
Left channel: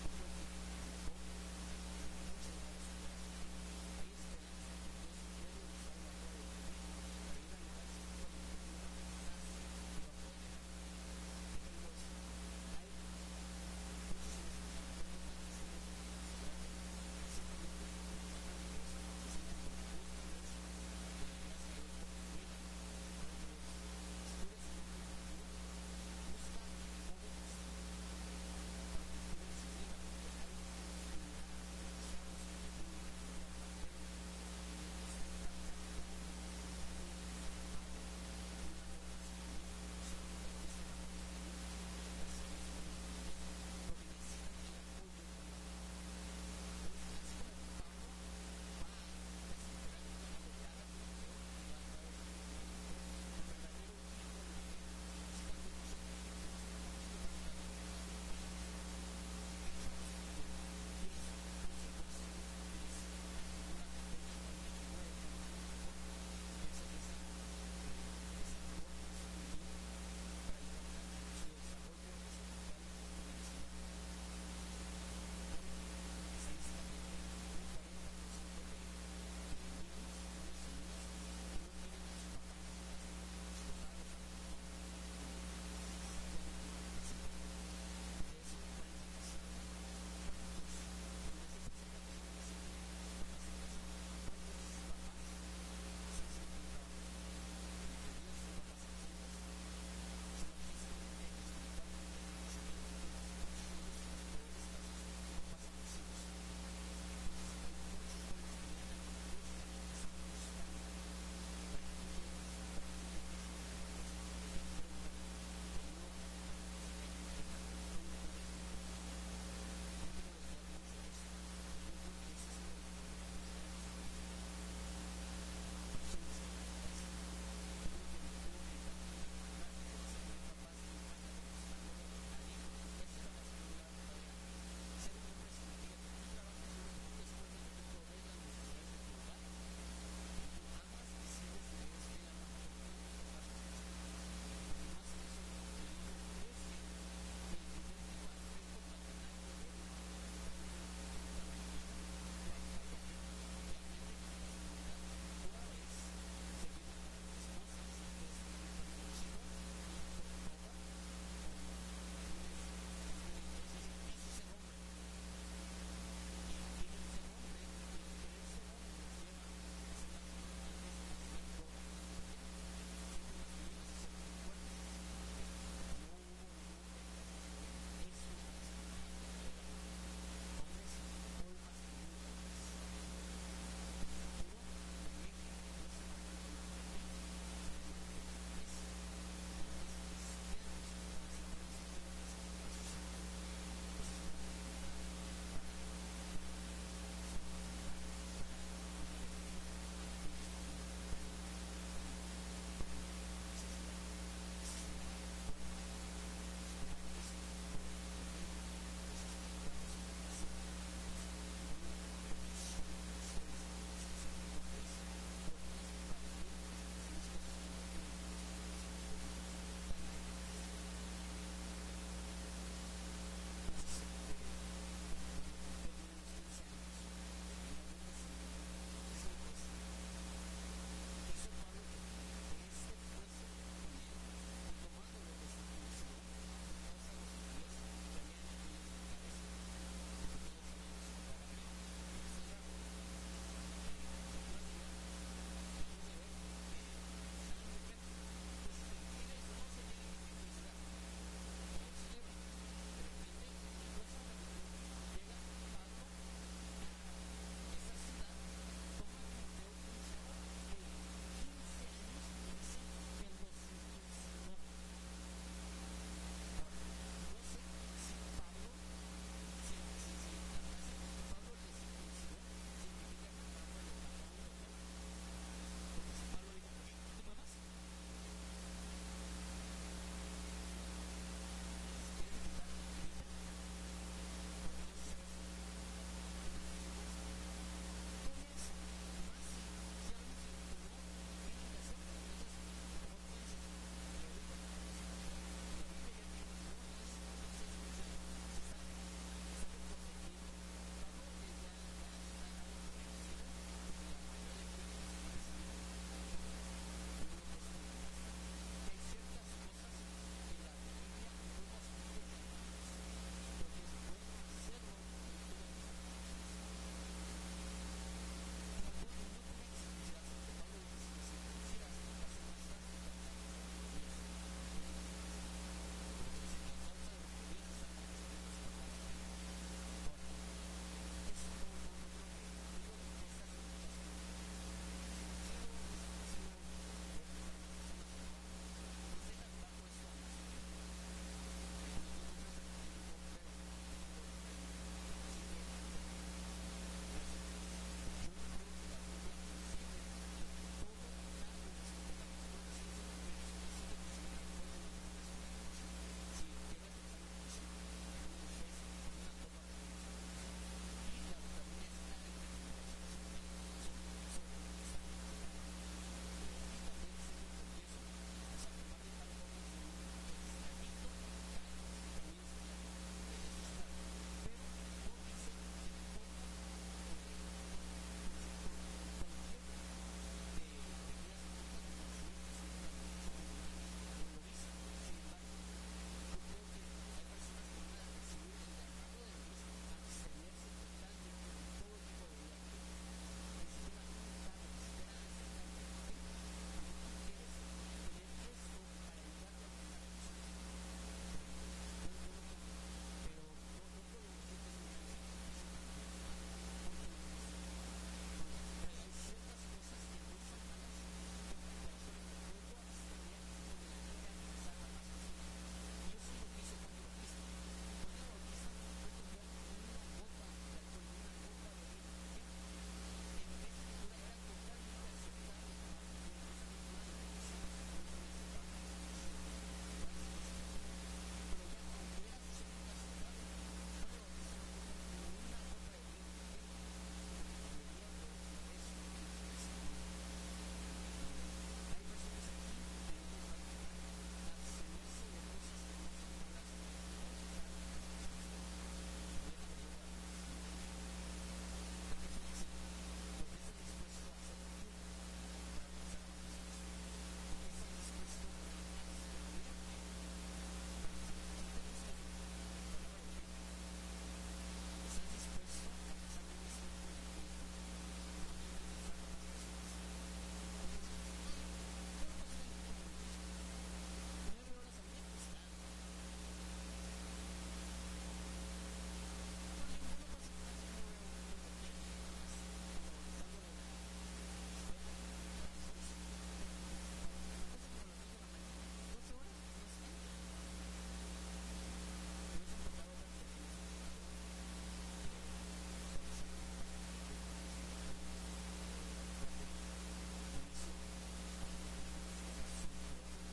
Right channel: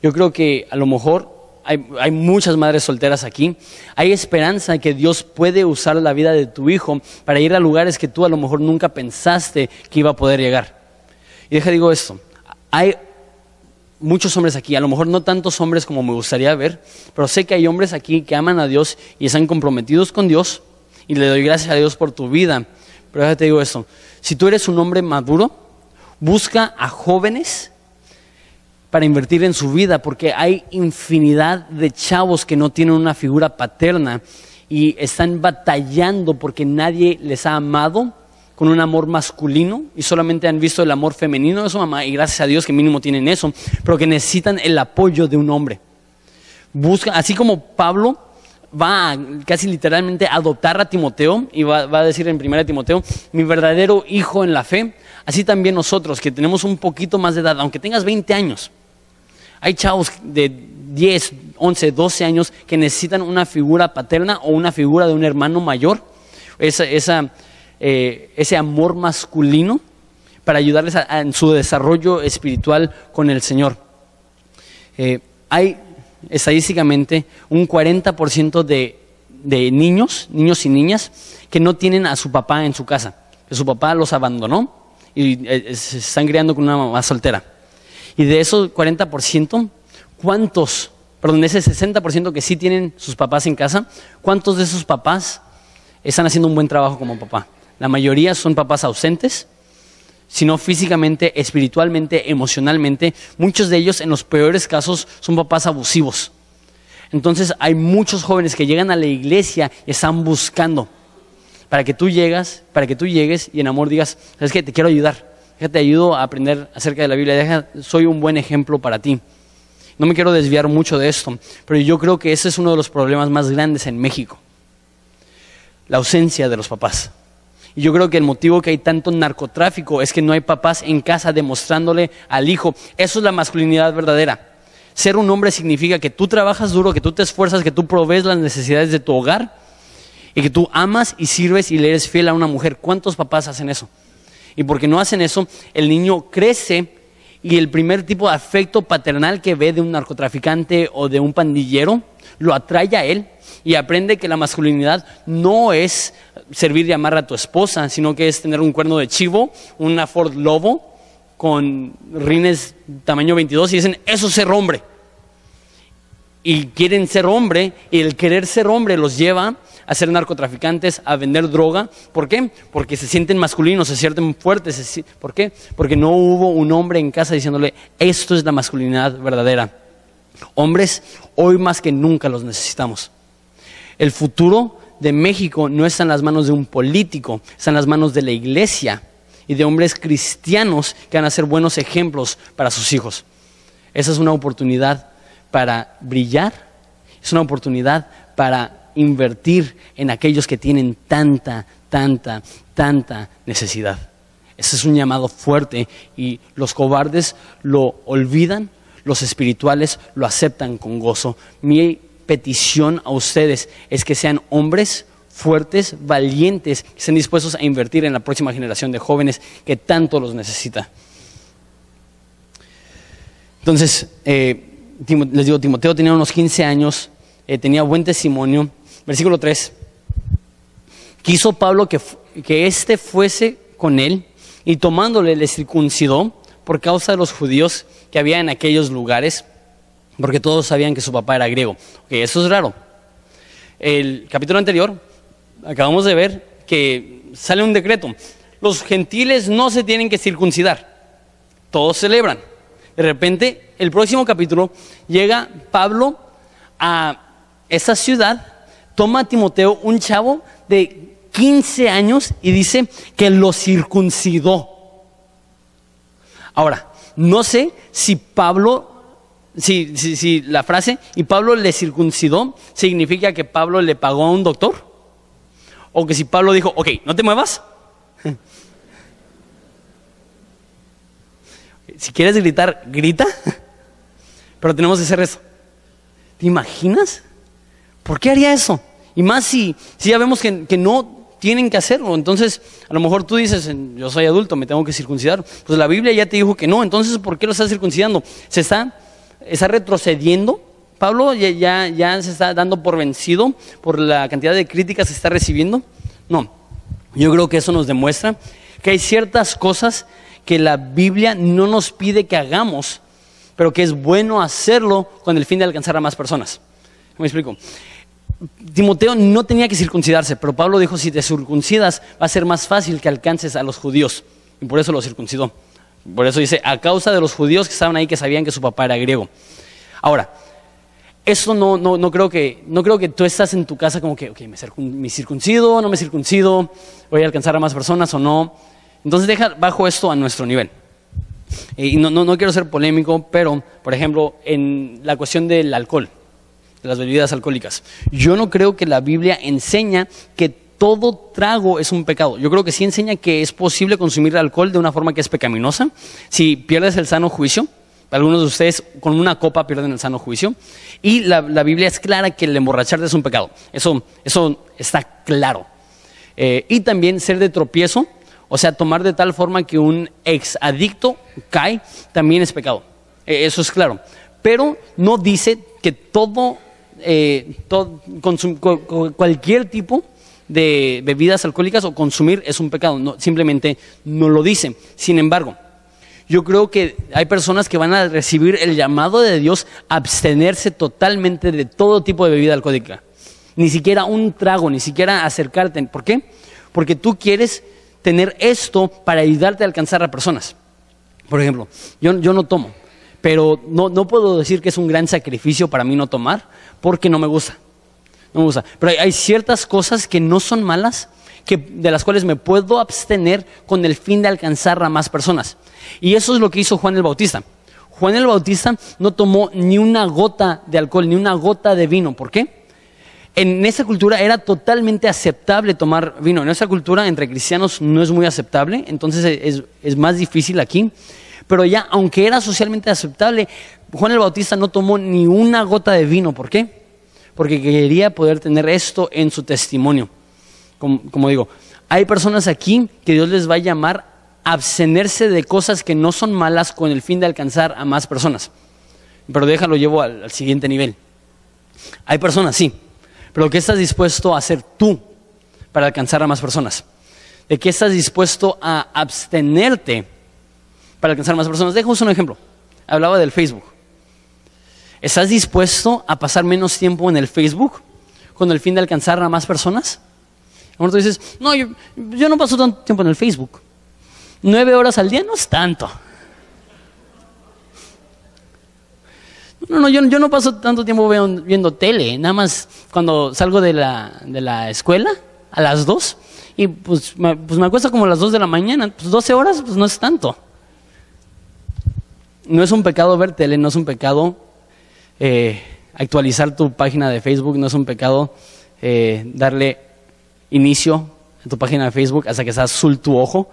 Yo creo que a lo mejor hay muchas madres solteras aquí. Hay esperanza que Dios puede usar la vida de tu hijo para ir a lugares que tú a lo mejor nunca pensaste que iba a poder llegar. Y digo esto, hay muchos hombres aquí, a lo mejor no tantos hombres como me gustaría ver, pero sé que hay hombres aquí que aman a Dios y están comprometidos con Dios, y le doy gracias a Dios por tu vida. Pero déjate digo esto, si tú eres un hombre maduro, busca a jóvenes para invertir en su vida, porque hay infinidad de chavos que no tienen una figura paterna y están batallando porque nadie les ha amado con un amor masculino y solamente han visto el amor femenino de su mamá, y gracias a Dios que mínimo tienen eso, pero que necesitan el apoyo de un hombre. Busca, así como Pablo va a, casi literalmente a adoptar a Timoteo y va a decir en 1 Timoteo, mi verdadero hijo en la fe, así también nosotros que tenemos un poquito más de edad, aunque tengas 20 años, hay chavos de 10, 11, 12 años que necesitan una figura paterna o una figura de un hermano mayor, ese amor masculino para ayudarles en su desarrollo espiritual con el Señor. Hay estadísticamente un 40% de niños y niñas que no tienen a su papá en su casa, que su papá los abandonó y se están criando con una mamá soltera. Y de esos 40%, ese 60% que sí tienen sus papás en casa, ¿cuántos de esos papás están haciendo un buen trabajo como papá? La mayoría son papás ausentes, sino físicamente, espiritualmente, emocionalmente. Muchos de ellos, en los peores casos, son papás abusivos. Entonces hay muchos jóvenes que llegan a la iglesia y están buscando para que tú llegues y en amor digas, ¿sabes qué? Te quiero ayudar. Te ayudo a aprender acerca de la Biblia, soy un buen ejemplo para ti. No me quiero desviar mucho de esto, pero yo creo que ese es uno de los problemas más grandes en México, la ausencia de los papás. Y yo creo que el motivo que hay tanto narcotráfico es que no hay papás en casa demostrándole al hijo. Eso es la masculinidad verdadera. Ser un hombre significa que tú trabajas duro, que tú te esfuerzas, que tú provees las necesidades de tu hogar y que tú amas y sirves y le eres fiel a una mujer. ¿Cuántos papás hacen eso? Y porque no hacen eso, el niño crece y el primer tipo de afecto paternal que ve de un narcotraficante o de un pandillero lo atrae a él y aprende que la masculinidad no es servir y amar a tu esposa, sino que es tener un cuerno de chivo, una Ford Lobo con rines tamaño 22 y dicen, eso es ser hombre. Y quieren ser hombre, y el querer ser hombre los lleva a ser narcotraficantes, a vender droga. ¿Por qué? Porque se sienten masculinos, se sienten fuertes. ¿Por qué? Porque no hubo un hombre en casa diciéndole, esto es la masculinidad verdadera. Hombres, hoy más que nunca los necesitamos. El futuro de México no está en las manos de un político, está en las manos de la iglesia y de hombres cristianos que van a ser buenos ejemplos para sus hijos. Esa es una oportunidad para brillar, es una oportunidad para invertir en aquellos que tienen tanta necesidad. Ese es un llamado fuerte y los cobardes lo olvidan, los espirituales lo aceptan con gozo. Mi petición a ustedes es que sean hombres fuertes, valientes, que estén dispuestos a invertir en la próxima generación de jóvenes que tanto los necesita. Entonces, les digo, Timoteo tenía unos 15 años, tenía buen testimonio. Versículo 3. Quiso Pablo que éste fuese con él y tomándole le circuncidó por causa de los judíos que había en aquellos lugares, porque todos sabían que su papá era griego. Okay, eso es raro. El capítulo anterior acabamos de ver que sale un decreto. Los gentiles no se tienen que circuncidar. Todos celebran. De repente, el próximo capítulo, llega Pablo a esa ciudad, toma a Timoteo, un chavo de 15 años, y dice que lo circuncidó. Ahora, no sé si Pablo, si la frase, y Pablo le circuncidó, significa que Pablo le pagó a un doctor, o que si Pablo dijo, ok, no te muevas. Si quieres gritar, grita, pero tenemos que hacer eso. ¿Te imaginas? ¿Por qué haría eso? Y más si ya vemos que no tienen que hacerlo. Entonces, a lo mejor tú dices, yo soy adulto, me tengo que circuncidar. Pues la Biblia ya te dijo que no, entonces ¿por qué lo estás circuncidando? ¿Se está retrocediendo? ¿Pablo ya se está dando por vencido por la cantidad de críticas que está recibiendo? No, yo creo que eso nos demuestra que hay ciertas cosas que la Biblia no nos pide que hagamos, pero que es bueno hacerlo con el fin de alcanzar a más personas. ¿Me explico? Timoteo no tenía que circuncidarse, pero Pablo dijo, si te circuncidas va a ser más fácil que alcances a los judíos, y por eso lo circuncidó. Por eso dice, a causa de los judíos que estaban ahí, que sabían que su papá era griego. Ahora, eso no creo que tú estás en tu casa como que, okay, me circuncido, no me circuncido, voy a alcanzar a más personas o no. Entonces deja bajo esto a nuestro nivel. Y no quiero ser polémico, pero por ejemplo en la cuestión del alcohol, de las bebidas alcohólicas, yo no creo que la Biblia enseña que todo trago es un pecado. Yo creo que sí enseña que es posible consumir alcohol de una forma que es pecaminosa. Si pierdes el sano juicio, algunos de ustedes con una copa pierden el sano juicio, y la Biblia es clara que el emborracharte es un pecado. Eso está claro. Y también ser de tropiezo, o sea, tomar de tal forma que un ex adicto cae, también es pecado. Eso es claro. Pero no dice que cualquier tipo de bebidas alcohólicas o consumir es un pecado. No, simplemente no lo dice. Sin embargo, yo creo que hay personas que van a recibir el llamado de Dios a abstenerse totalmente de todo tipo de bebida alcohólica. Ni siquiera un trago, ni siquiera acercarte. ¿Por qué? Porque tú quieres tener esto para ayudarte a alcanzar a personas. Por ejemplo, yo no tomo, pero no puedo decir que es un gran sacrificio para mí no tomar, porque no me gusta. No me gusta. Pero hay ciertas cosas que no son malas, de las cuales me puedo abstener con el fin de alcanzar a más personas. Y eso es lo que hizo Juan el Bautista. Juan el Bautista no tomó ni una gota de alcohol, ni una gota de vino. ¿Por qué? En esa cultura era totalmente aceptable tomar vino. En esa cultura entre cristianos no es muy aceptable, entonces es más difícil aquí. Pero ya, aunque era socialmente aceptable, Juan el Bautista no tomó ni una gota de vino. ¿Por qué? Porque quería poder tener esto en su testimonio. Como digo, hay personas aquí que Dios les va a llamar abstenerse de cosas que no son malas con el fin de alcanzar a más personas. Pero déjalo, llevo al siguiente nivel. Hay personas, sí, pero ¿qué estás dispuesto a hacer tú para alcanzar a más personas? ¿De qué estás dispuesto a abstenerte para alcanzar a más personas? Dejo un ejemplo. Hablaba del Facebook. ¿Estás dispuesto a pasar menos tiempo en el Facebook con el fin de alcanzar a más personas? Ahora tú dices, no, yo no paso tanto tiempo en el Facebook. 9 horas al día no es tanto. No, yo no paso tanto tiempo viendo tele. Nada más cuando salgo de la escuela a las 2 y pues me acuesto como a las 2 de la mañana. Pues 12 horas pues no es tanto. No es un pecado ver tele, no es un pecado actualizar tu página de Facebook, no es un pecado darle inicio a tu página de Facebook hasta que está azul tu ojo,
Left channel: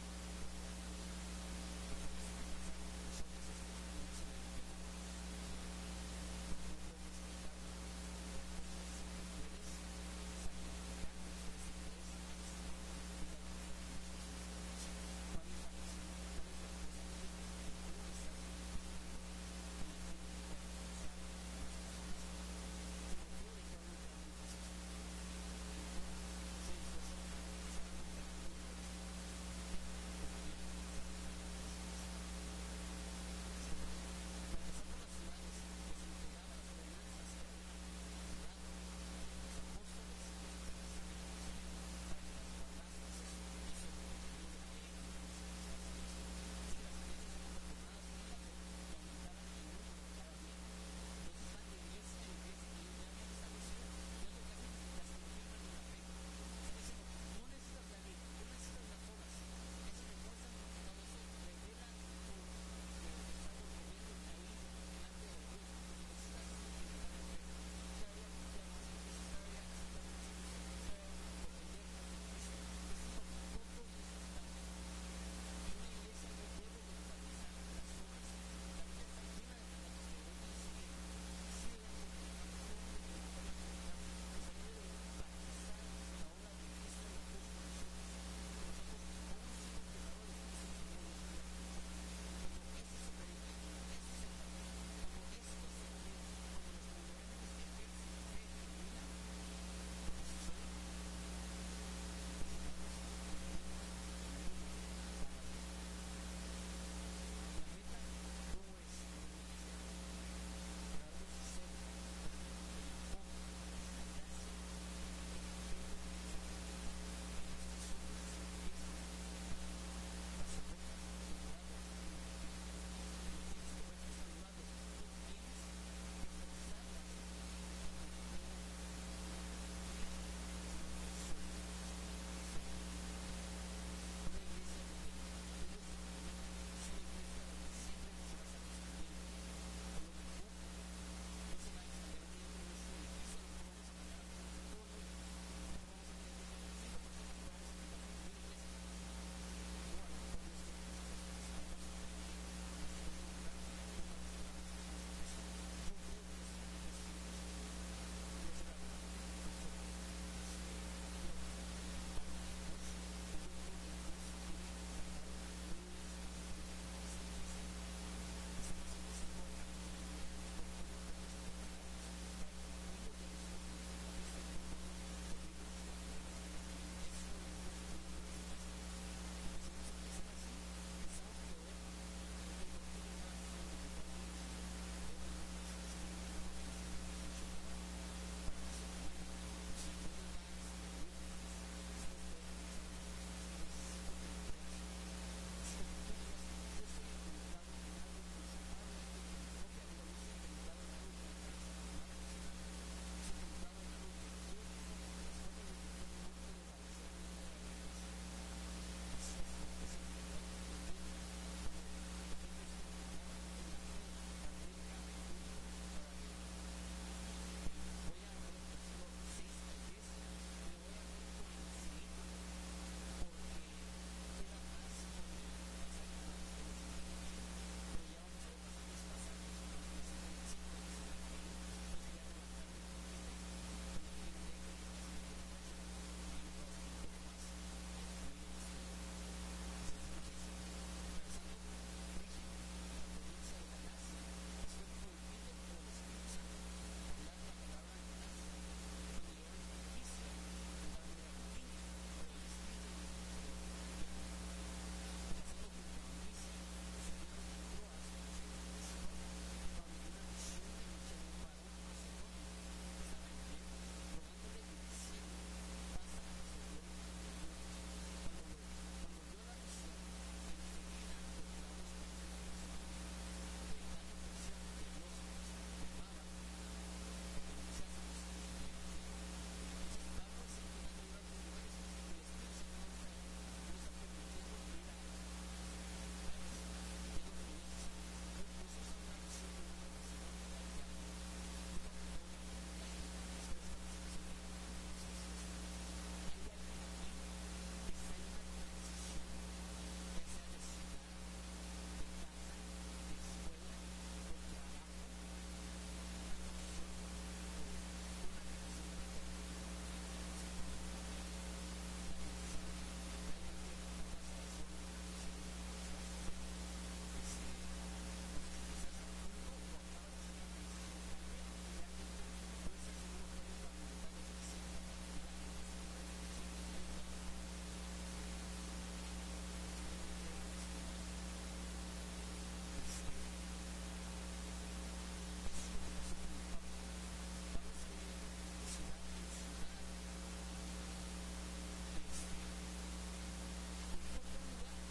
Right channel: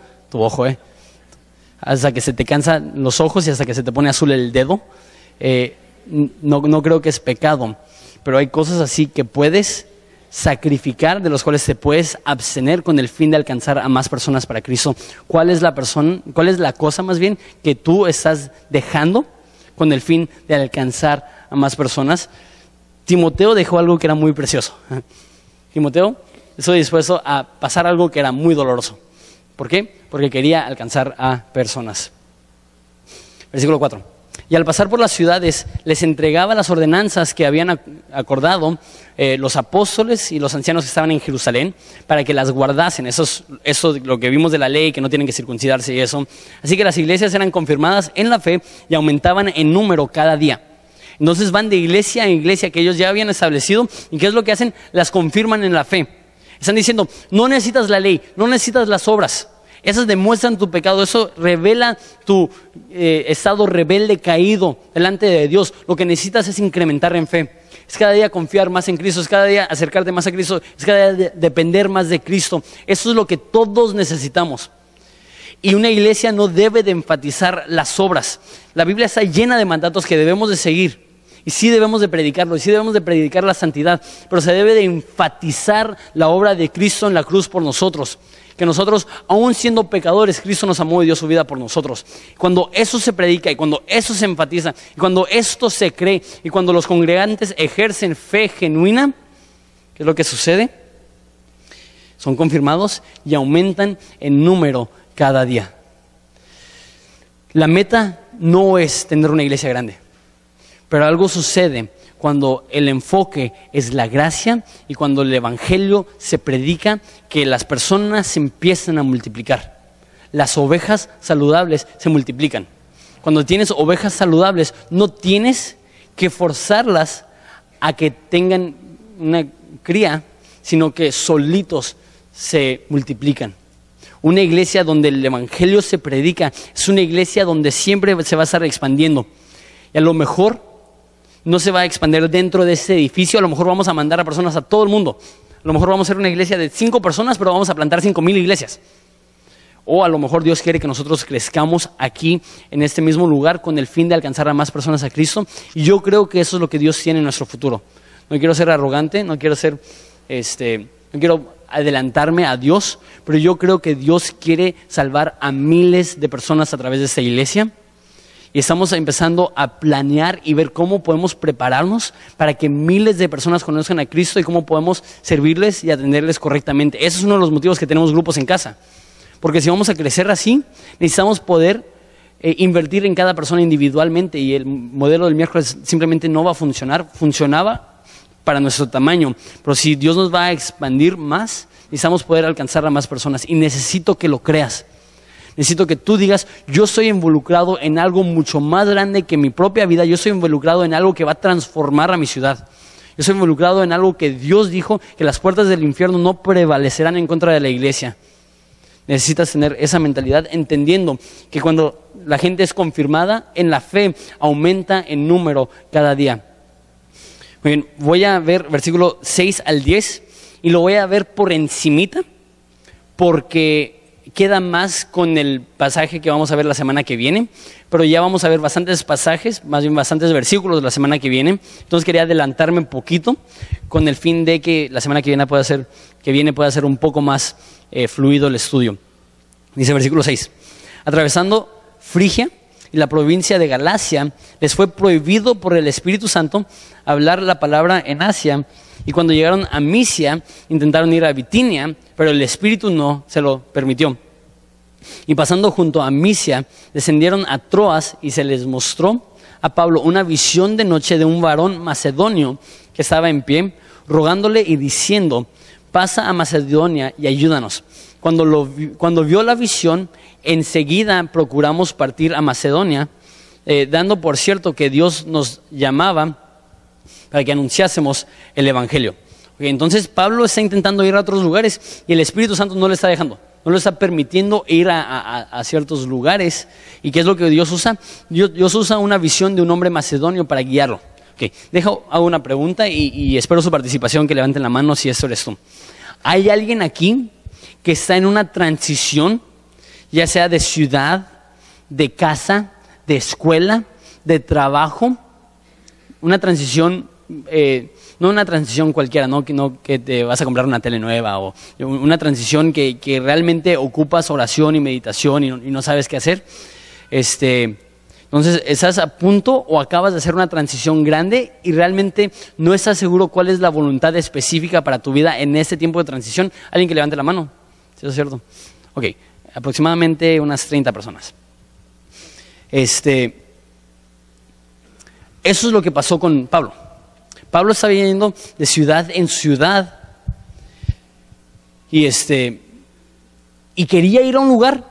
hasta que se te cansan los ojos y hasta que se te pone azul el dedo. No creo que es pecado, pero hay cosas así que puedes sacrificar, de los cuales te puedes abstener con el fin de alcanzar a más personas para Cristo. ¿Cuál es la cosa más bien que tú estás dejando con el fin de alcanzar a más personas? Timoteo dejó algo que era muy precioso. Timoteo estuvo dispuesto a pasar algo que era muy doloroso. ¿Por qué? Porque quería alcanzar a personas. Versículo 4. Y al pasar por las ciudades les entregaba las ordenanzas que habían acordado los apóstoles y los ancianos que estaban en Jerusalén para que las guardasen. Eso lo que vimos de la ley, que no tienen que circuncidarse y eso. Así que las iglesias eran confirmadas en la fe y aumentaban en número cada día. Entonces van de iglesia en iglesia que ellos ya habían establecido, y ¿qué es lo que hacen? Las confirman en la fe. Están diciendo, no necesitas la ley, no necesitas las obras. Esas demuestran tu pecado, eso revela tu estado rebelde caído delante de Dios. Lo que necesitas es incrementar en fe. Es cada día confiar más en Cristo, es cada día acercarte más a Cristo, es cada día depender más de Cristo. Eso es lo que todos necesitamos. Y una iglesia no debe de enfatizar las obras. La Biblia está llena de mandatos que debemos de seguir. Y sí debemos de predicarlo, y sí debemos de predicar la santidad, pero se debe de enfatizar la obra de Cristo en la cruz por nosotros. Que nosotros, aún siendo pecadores, Cristo nos amó y dio su vida por nosotros. Cuando eso se predica y cuando eso se enfatiza y cuando esto se cree y cuando los congregantes ejercen fe genuina, ¿qué es lo que sucede? Son confirmados y aumentan en número cada día. La meta no es tener una iglesia grande, pero algo sucede cuando el enfoque es la gracia y cuando el evangelio se predica, que las personas se empiezan a multiplicar. Las ovejas saludables se multiplican. Cuando tienes ovejas saludables, no tienes que forzarlas a que tengan una cría, sino que solitos se multiplican. Una iglesia donde el evangelio se predica es una iglesia donde siempre se va a estar expandiendo. Y a lo mejor no se va a expandir dentro de ese edificio, a lo mejor vamos a mandar a personas a todo el mundo. A lo mejor vamos a ser una iglesia de 5 personas, pero vamos a plantar 5,000 iglesias. O a lo mejor Dios quiere que nosotros crezcamos aquí, en este mismo lugar, con el fin de alcanzar a más personas a Cristo. Y yo creo que eso es lo que Dios tiene en nuestro futuro. No quiero ser arrogante, no quiero adelantarme a Dios, pero yo creo que Dios quiere salvar a miles de personas a través de esta iglesia. Y estamos empezando a planear y ver cómo podemos prepararnos para que miles de personas conozcan a Cristo y cómo podemos servirles y atenderles correctamente. Ese es uno de los motivos que tenemos grupos en casa. Porque si vamos a crecer así, necesitamos poder invertir en cada persona individualmente, y el modelo del miércoles simplemente no va a funcionar. Funcionaba para nuestro tamaño, pero si Dios nos va a expandir más, necesitamos poder alcanzar a más personas, y necesito que lo creas. Necesito que tú digas, yo estoy involucrado en algo mucho más grande que mi propia vida. Yo estoy involucrado en algo que va a transformar a mi ciudad. Yo estoy involucrado en algo que Dios dijo, que las puertas del infierno no prevalecerán en contra de la iglesia. Necesitas tener esa mentalidad, entendiendo que cuando la gente es confirmada en la fe, aumenta en número cada día. Muy bien, voy a ver versículo 6 al 10 y lo voy a ver por encimita, porque queda más con el pasaje que vamos a ver la semana que viene, pero ya vamos a ver bastantes pasajes, más bien bastantes versículos la semana que viene. Entonces quería adelantarme un poquito con el fin de que la semana que viene pueda ser un poco más fluido el estudio. Dice versículo 6: Atravesando Frigia y la provincia de Galacia, les fue prohibido por el Espíritu Santo hablar la palabra en Asia. Y cuando llegaron a Misia, intentaron ir a Bitinia, pero el Espíritu no se lo permitió. Y pasando junto a Misia, descendieron a Troas y se les mostró a Pablo una visión de noche de un varón macedonio que estaba en pie, rogándole y diciendo: pasa a Macedonia y ayúdanos. Cuando vio la visión, enseguida procuramos partir a Macedonia, dando por cierto que Dios nos llamaba para que anunciásemos el Evangelio. Entonces Pablo está intentando ir a otros lugares y el Espíritu Santo no le está dejando, no le está permitiendo ir a ciertos lugares. ¿Y qué es lo que Dios usa? Dios usa una visión de un hombre macedonio para guiarlo. Hago una pregunta y espero su participación, que levanten la mano si esto eres tú. ¿Hay alguien aquí que está en una transición, ya sea de ciudad, de casa, de escuela, de trabajo? Una transición, no una transición cualquiera, no que te vas a comprar una tele nueva, o una transición que realmente ocupas oración y meditación y no sabes qué hacer. Entonces, ¿estás a punto o acabas de hacer una transición grande y realmente no estás seguro cuál es la voluntad específica para tu vida en este tiempo de transición? Alguien que levante la mano, ¿sí es cierto? Ok, aproximadamente unas 30 personas. Eso es lo que pasó con Pablo. Pablo estaba yendo de ciudad en ciudad y quería ir a un lugar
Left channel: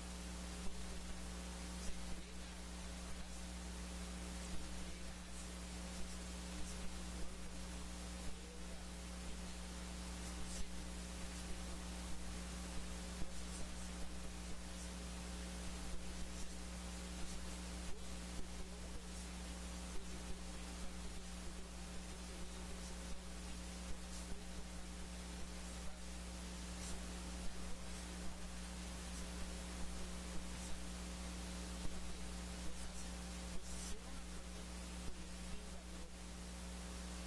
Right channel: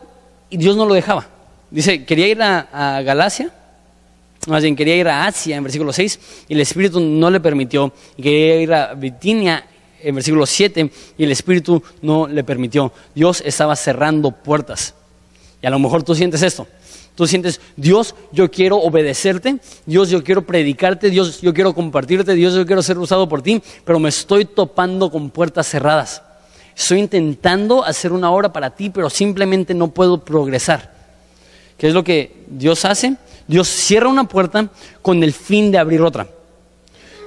y Dios no lo dejaba. Dice, quería ir a Galacia, más bien quería ir a Asia en versículo 6 y el Espíritu no le permitió. Y quería ir a Bitinia en versículo 7 y el Espíritu no le permitió. Dios estaba cerrando puertas. Y a lo mejor tú sientes esto. Tú sientes: Dios, yo quiero obedecerte, Dios, yo quiero predicarte, Dios, yo quiero compartirte, Dios, yo quiero ser usado por ti, pero me estoy topando con puertas cerradas. Estoy intentando hacer una obra para ti, pero simplemente no puedo progresar. ¿Qué es lo que Dios hace? Dios cierra una puerta con el fin de abrir otra.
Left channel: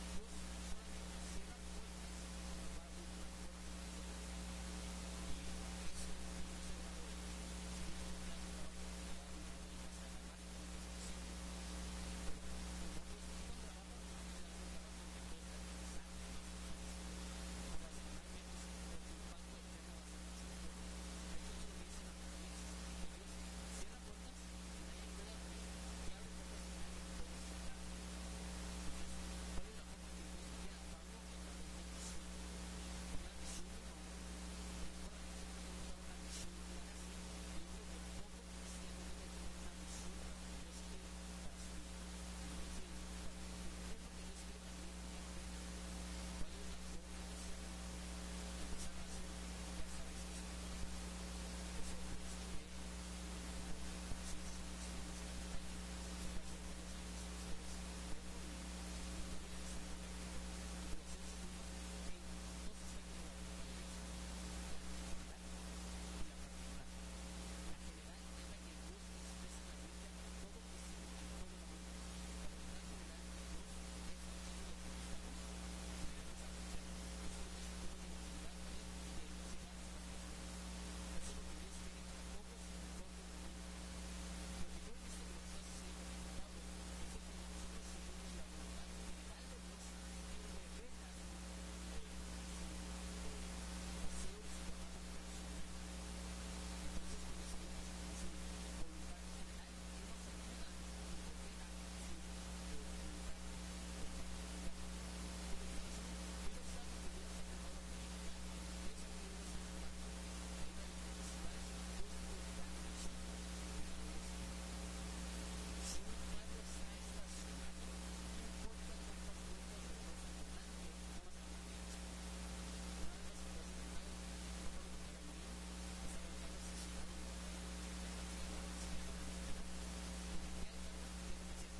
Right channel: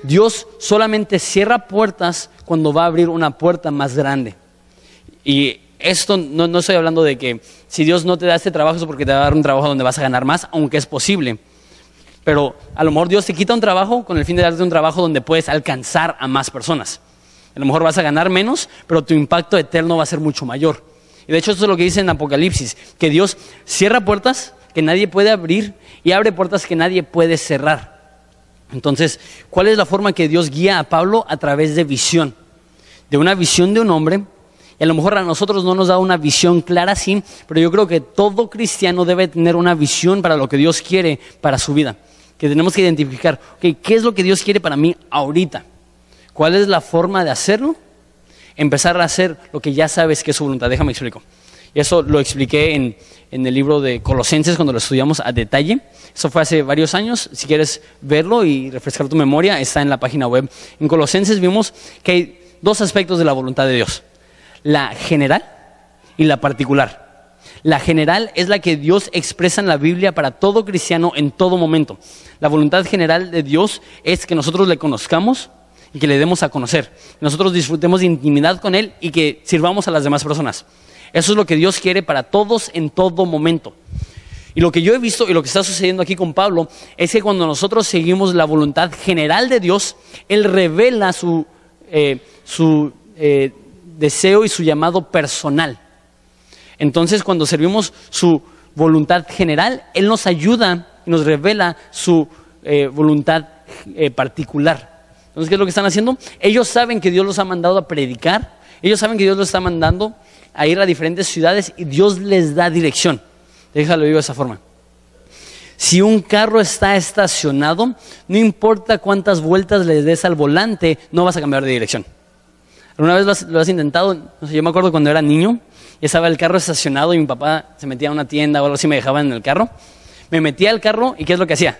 Dios solamente cierra puertas cuando va a abrir una puerta más grande. Y esto no estoy hablando de que si Dios no te da este trabajo es porque te va a dar un trabajo donde vas a ganar más, aunque es posible. Pero a lo mejor Dios te quita un trabajo con el fin de darte un trabajo donde puedes alcanzar a más personas. A lo mejor vas a ganar menos, pero tu impacto eterno va a ser mucho mayor. Y de hecho esto es lo que dice en Apocalipsis, que Dios cierra puertas que nadie puede abrir y abre puertas que nadie puede cerrar. Entonces, ¿cuál es la forma que Dios guía a Pablo? A través de visión, de una visión de un hombre. Y a lo mejor a nosotros no nos da una visión clara así, pero yo creo que todo cristiano debe tener una visión para lo que Dios quiere para su vida. Que tenemos que identificar, ¿qué es lo que Dios quiere para mí ahorita? ¿Cuál es la forma de hacerlo? Empezar a hacer lo que ya sabes que es su voluntad. Déjame explico. Y eso lo expliqué en el libro de Colosenses cuando lo estudiamos a detalle. Eso fue hace varios años. Si quieres verlo y refrescar tu memoria, está en la página web. En Colosenses vimos que hay dos aspectos de la voluntad de Dios: la general y la particular. La general es la que Dios expresa en la Biblia para todo cristiano en todo momento. La voluntad general de Dios es que nosotros le conozcamos y que le demos a conocer. Nosotros disfrutemos de intimidad con Él y que sirvamos a las demás personas. Eso es lo que Dios quiere para todos en todo momento. Y lo que yo he visto y lo que está sucediendo aquí con Pablo es que cuando nosotros seguimos la voluntad general de Dios, Él revela su deseo y su llamado personal. Entonces, cuando servimos su voluntad general, Él nos ayuda y nos revela su voluntad particular. Entonces, ¿qué es lo que están haciendo? Ellos saben que Dios los ha mandado a predicar, ellos saben que Dios los está mandando a ir a diferentes ciudades y Dios les da dirección. Déjalo digo de esa forma. Si un carro está estacionado, no importa cuántas vueltas le des al volante, no vas a cambiar de dirección. ¿Alguna vez lo has intentado? No sé, yo me acuerdo cuando era niño, y estaba el carro estacionado y mi papá se metía a una tienda o algo así, me dejaba en el carro. Me metía al carro y ¿qué es lo que hacía?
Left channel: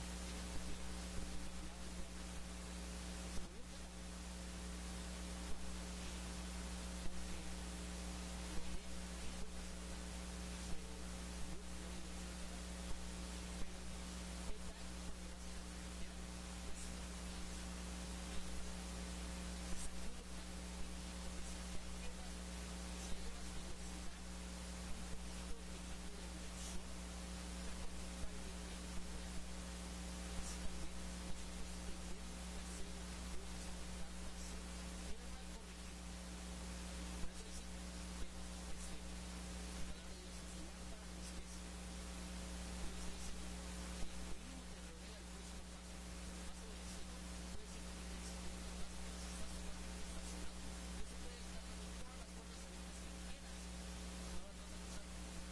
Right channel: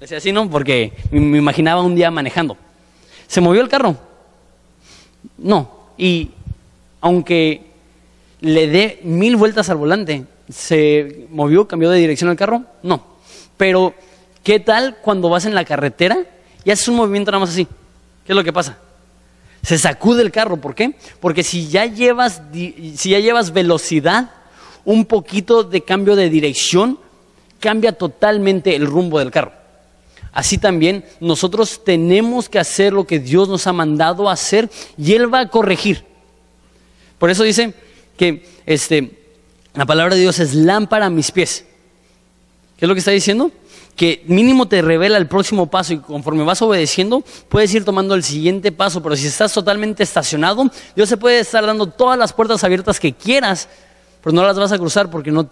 Decía así, ¿no? Porque me imaginaba un día manejando. ¿Se movió el carro? No. Y aunque le dé 1000 vueltas al volante, ¿se movió, cambió de dirección el carro? No. Pero, ¿qué tal cuando vas en la carretera y haces un movimiento nada más así? ¿Qué es lo que pasa? Se sacude el carro. ¿Por qué? Porque si ya llevas velocidad, un poquito de cambio de dirección cambia totalmente el rumbo del carro. Así también nosotros tenemos que hacer lo que Dios nos ha mandado a hacer y Él va a corregir. Por eso dice que la palabra de Dios es lámpara a mis pies. ¿Qué es lo que está diciendo? Que mínimo te revela el próximo paso y conforme vas obedeciendo puedes ir tomando el siguiente paso. Pero si estás totalmente estacionado, Dios se puede estar dando todas las puertas abiertas que quieras, pero no las vas a cruzar porque no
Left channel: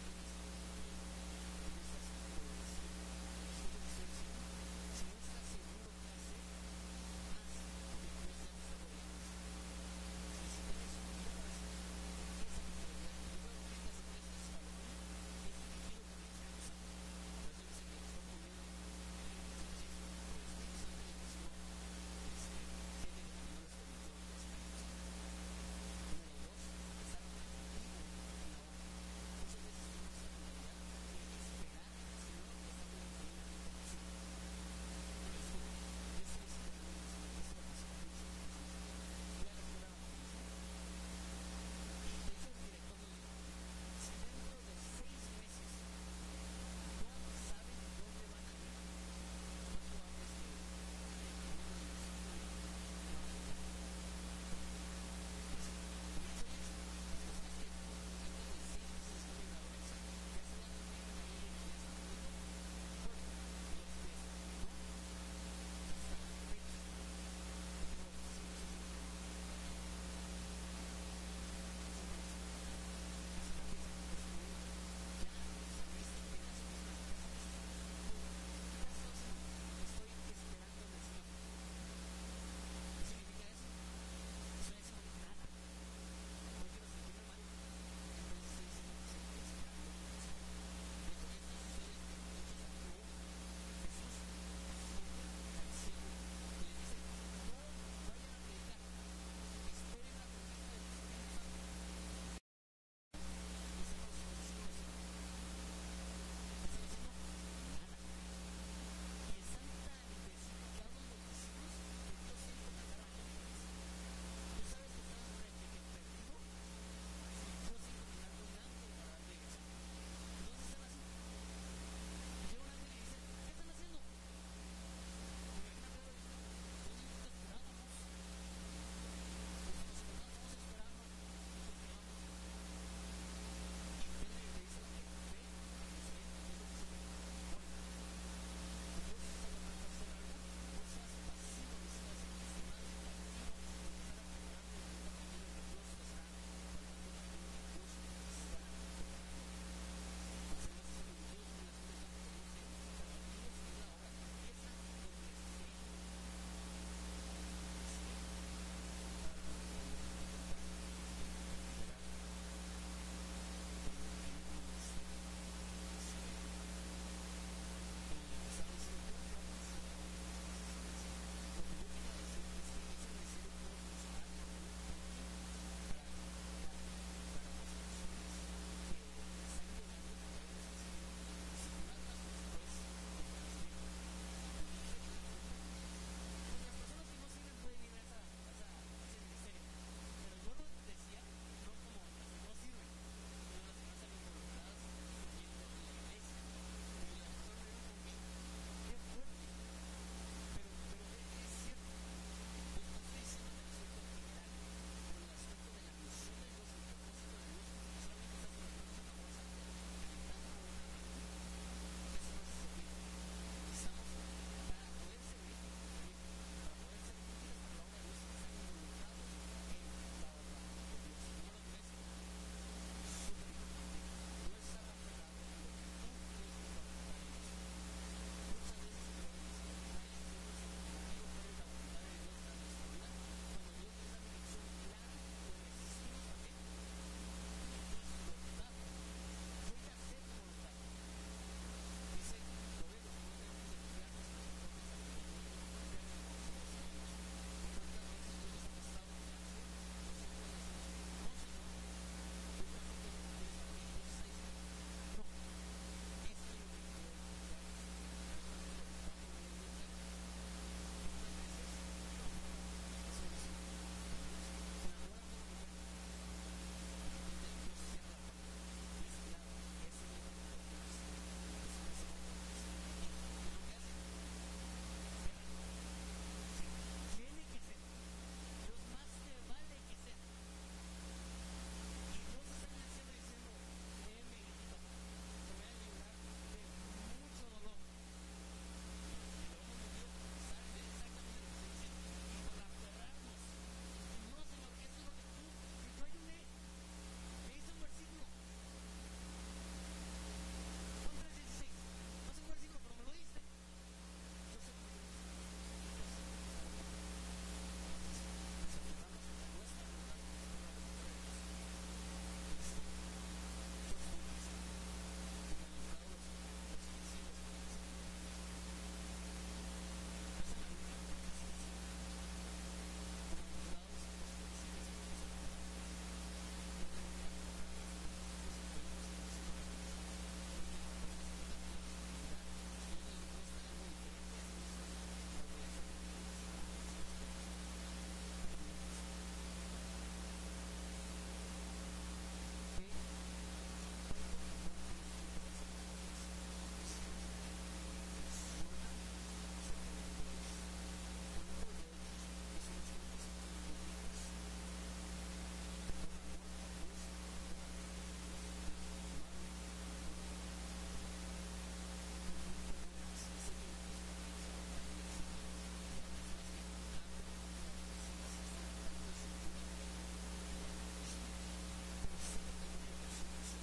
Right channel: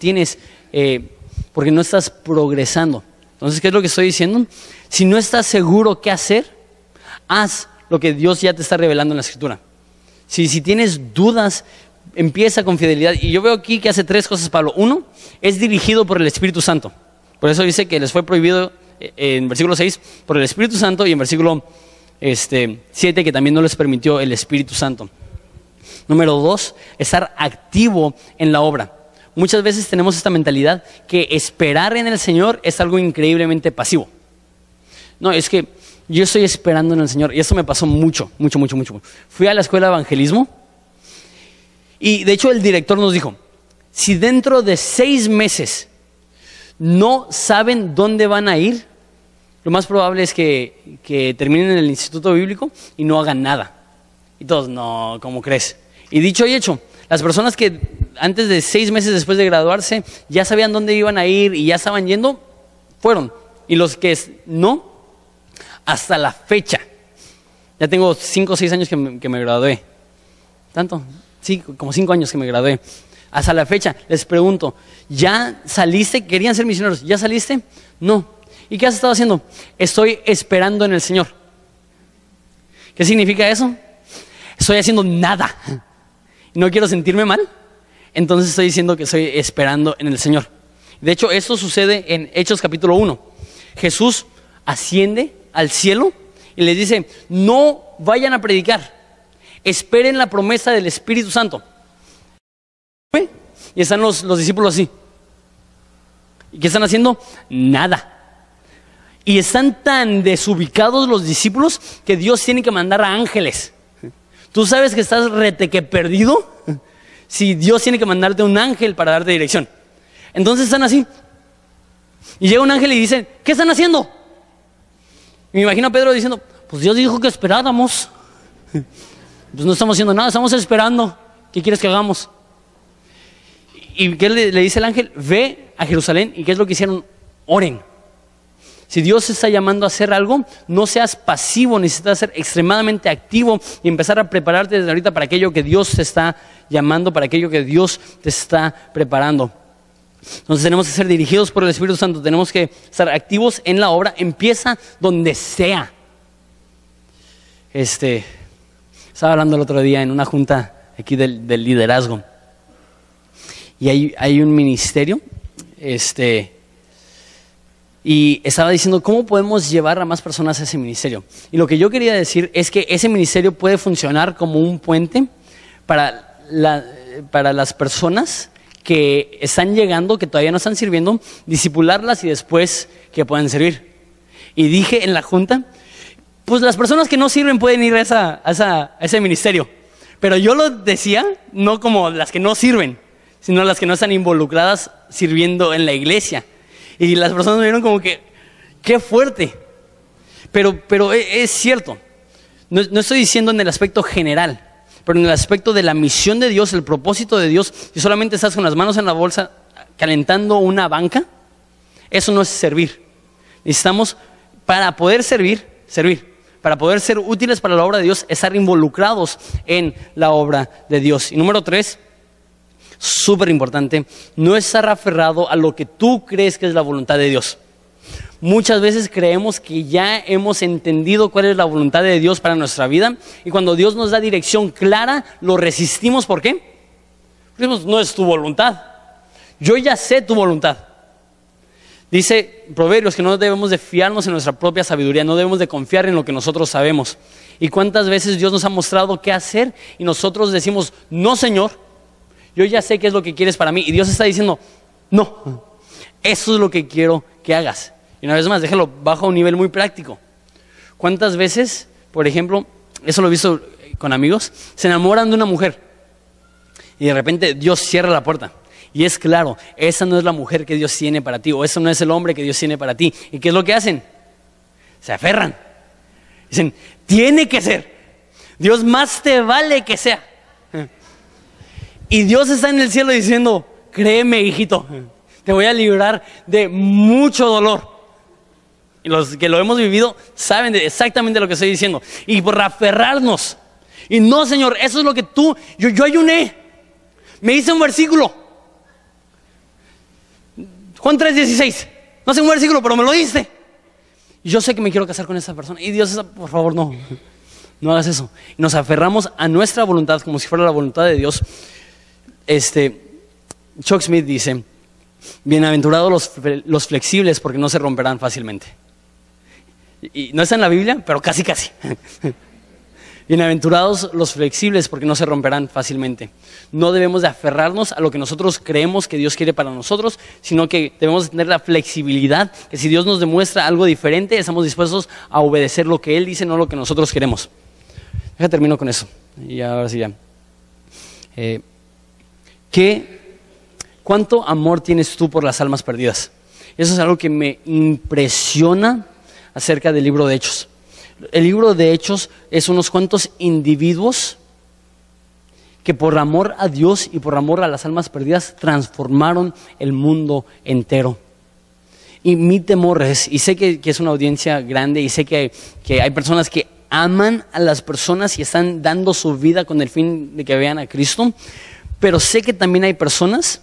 estás progresando. Entonces, ¿qué es lo que estoy diciendo? Si no estás seguro qué hacer, haz lo que Dios ya te está revelando en la Escritura. Si tienes dudas, empieza con fidelidad. Y yo veo aquí que hace 3 cosas Pablo. 1, es dirigido por el Espíritu Santo. Por eso dice que les fue prohibido en versículo 6 por el Espíritu Santo, y en versículo 7 que también no les permitió el Espíritu Santo. Número 2, estar activo en la obra. Muchas veces tenemos esta mentalidad que esperar en el Señor es algo increíblemente pasivo. No, es que yo estoy esperando en el Señor, y esto me pasó mucho. Fui a la escuela de evangelismo y de hecho el director nos dijo, si dentro de 6 meses no saben dónde van a ir, lo más probable es que terminen en el instituto bíblico y no hagan nada. Y todos, no, ¿cómo crees? Y dicho y hecho, las personas que antes de 6 meses después de graduarse ya sabían dónde iban a ir y ya estaban yendo, fueron. Y los que no, hasta la fecha, ya tengo 5 o 6 años que me gradué. ¿Tanto? Sí, como 5 años que me gradué. Hasta la fecha les pregunto, ¿ya saliste? Querían ser misioneros, ¿ya saliste? No. ¿Y qué has estado haciendo? Estoy esperando en el Señor. ¿Qué significa eso? Estoy haciendo nada. No quiero sentirme mal, entonces estoy diciendo que estoy esperando en el Señor. De hecho, esto sucede en Hechos capítulo 1. Jesús asciende al cielo y les dice, no vayan a predicar, esperen la promesa del Espíritu Santo. Y están los discípulos así. ¿Y qué están haciendo? Nada. Y están tan desubicados los discípulos que Dios tiene que mandar a ángeles. ¿Tú sabes que estás reteque perdido? Si Dios tiene que mandarte un ángel para darte dirección. Entonces están así. Y llega un ángel y dice, ¿qué están haciendo? Y me imagino a Pedro diciendo, pues Dios dijo que esperáramos. Pues no estamos haciendo nada, estamos esperando. ¿Qué quieres que hagamos? ¿Y qué le dice el ángel? Ve a Jerusalén. ¿Y qué es lo que hicieron? Oren. Si Dios te está llamando a hacer algo, no seas pasivo, necesitas ser extremadamente activo y empezar a prepararte desde ahorita para aquello que Dios te está llamando, para aquello que Dios te está preparando. Entonces tenemos que ser dirigidos por el Espíritu Santo, tenemos que estar activos en la obra, empieza donde sea. Estaba hablando el otro día en una junta aquí del liderazgo y hay un ministerio, y estaba diciendo cómo podemos llevar a más personas a ese ministerio. Y lo que yo quería decir es que ese ministerio puede funcionar como un puente para las personas que están llegando, que todavía no están sirviendo, discipularlas y después que puedan servir. Y dije en la junta, pues las personas que no sirven pueden ir a ese ministerio. Pero yo lo decía no como las que no sirven, sino las que no están involucradas sirviendo en la iglesia. Y las personas me vieron como que, qué fuerte. Pero es cierto. No estoy diciendo en el aspecto general, pero en el aspecto de la misión de Dios, el propósito de Dios. Si solamente estás con las manos en la bolsa calentando una banca, eso no es servir. Necesitamos, para poder servir, para poder ser útiles para la obra de Dios, estar involucrados en la obra de Dios. Y número 3, súper importante, no estar aferrado a lo que tú crees que es la voluntad de Dios. Muchas veces creemos que ya hemos entendido cuál es la voluntad de Dios para nuestra vida, y cuando Dios nos da dirección clara, lo resistimos. ¿Por qué? Decimos, no es tu voluntad. Yo ya sé tu voluntad. Dice Proverbios que no debemos de fiarnos en nuestra propia sabiduría, no debemos de confiar en lo que nosotros sabemos. ¿Y cuántas veces Dios nos ha mostrado qué hacer y nosotros decimos, no, Señor, yo ya sé qué es lo que quieres para mí? Y Dios está diciendo, no, eso es lo que quiero que hagas. Y una vez más, déjalo bajo a un nivel muy práctico. ¿Cuántas veces, por ejemplo, eso lo he visto con amigos, se enamoran de una mujer y de repente Dios cierra la puerta Y es claro, esa no es la mujer que Dios tiene para ti, o ese no es el hombre que Dios tiene para ti. ¿Y qué es lo que hacen? Se aferran. Dicen, tiene que ser. Dios, más te vale que sea. Y Dios está en el cielo diciendo, créeme, hijito, te voy a librar de mucho dolor. Y los que lo hemos vivido saben exactamente lo que estoy diciendo. Y por aferrarnos. Y no, Señor, eso es lo que yo ayuné. Me hice un versículo. Juan 3:16. No sé un versículo, pero me lo diste. Y yo sé que me quiero casar con esa persona. Y Dios, por favor, no hagas eso. Y nos aferramos a nuestra voluntad como si fuera la voluntad de Dios. Chuck Smith dice, bienaventurados los flexibles porque no se romperán fácilmente. Y no está en la Biblia, pero casi. Bienaventurados los flexibles porque no se romperán fácilmente. No debemos de aferrarnos a lo que nosotros creemos que Dios quiere para nosotros, sino que debemos tener la flexibilidad, que si Dios nos demuestra algo diferente, estamos dispuestos a obedecer lo que Él dice, no lo que nosotros queremos. Termino con eso. Y ahora sí ya. ¿Cuánto amor tienes tú por las almas perdidas? Eso es algo que me impresiona acerca del libro de Hechos. El libro de Hechos es unos cuantos individuos que por amor a Dios y por amor a las almas perdidas transformaron el mundo entero. Y mi temor es, y sé que es una audiencia grande y sé que hay personas que aman a las personas y están dando su vida con el fin de que vean a Cristo, pero sé que también hay personas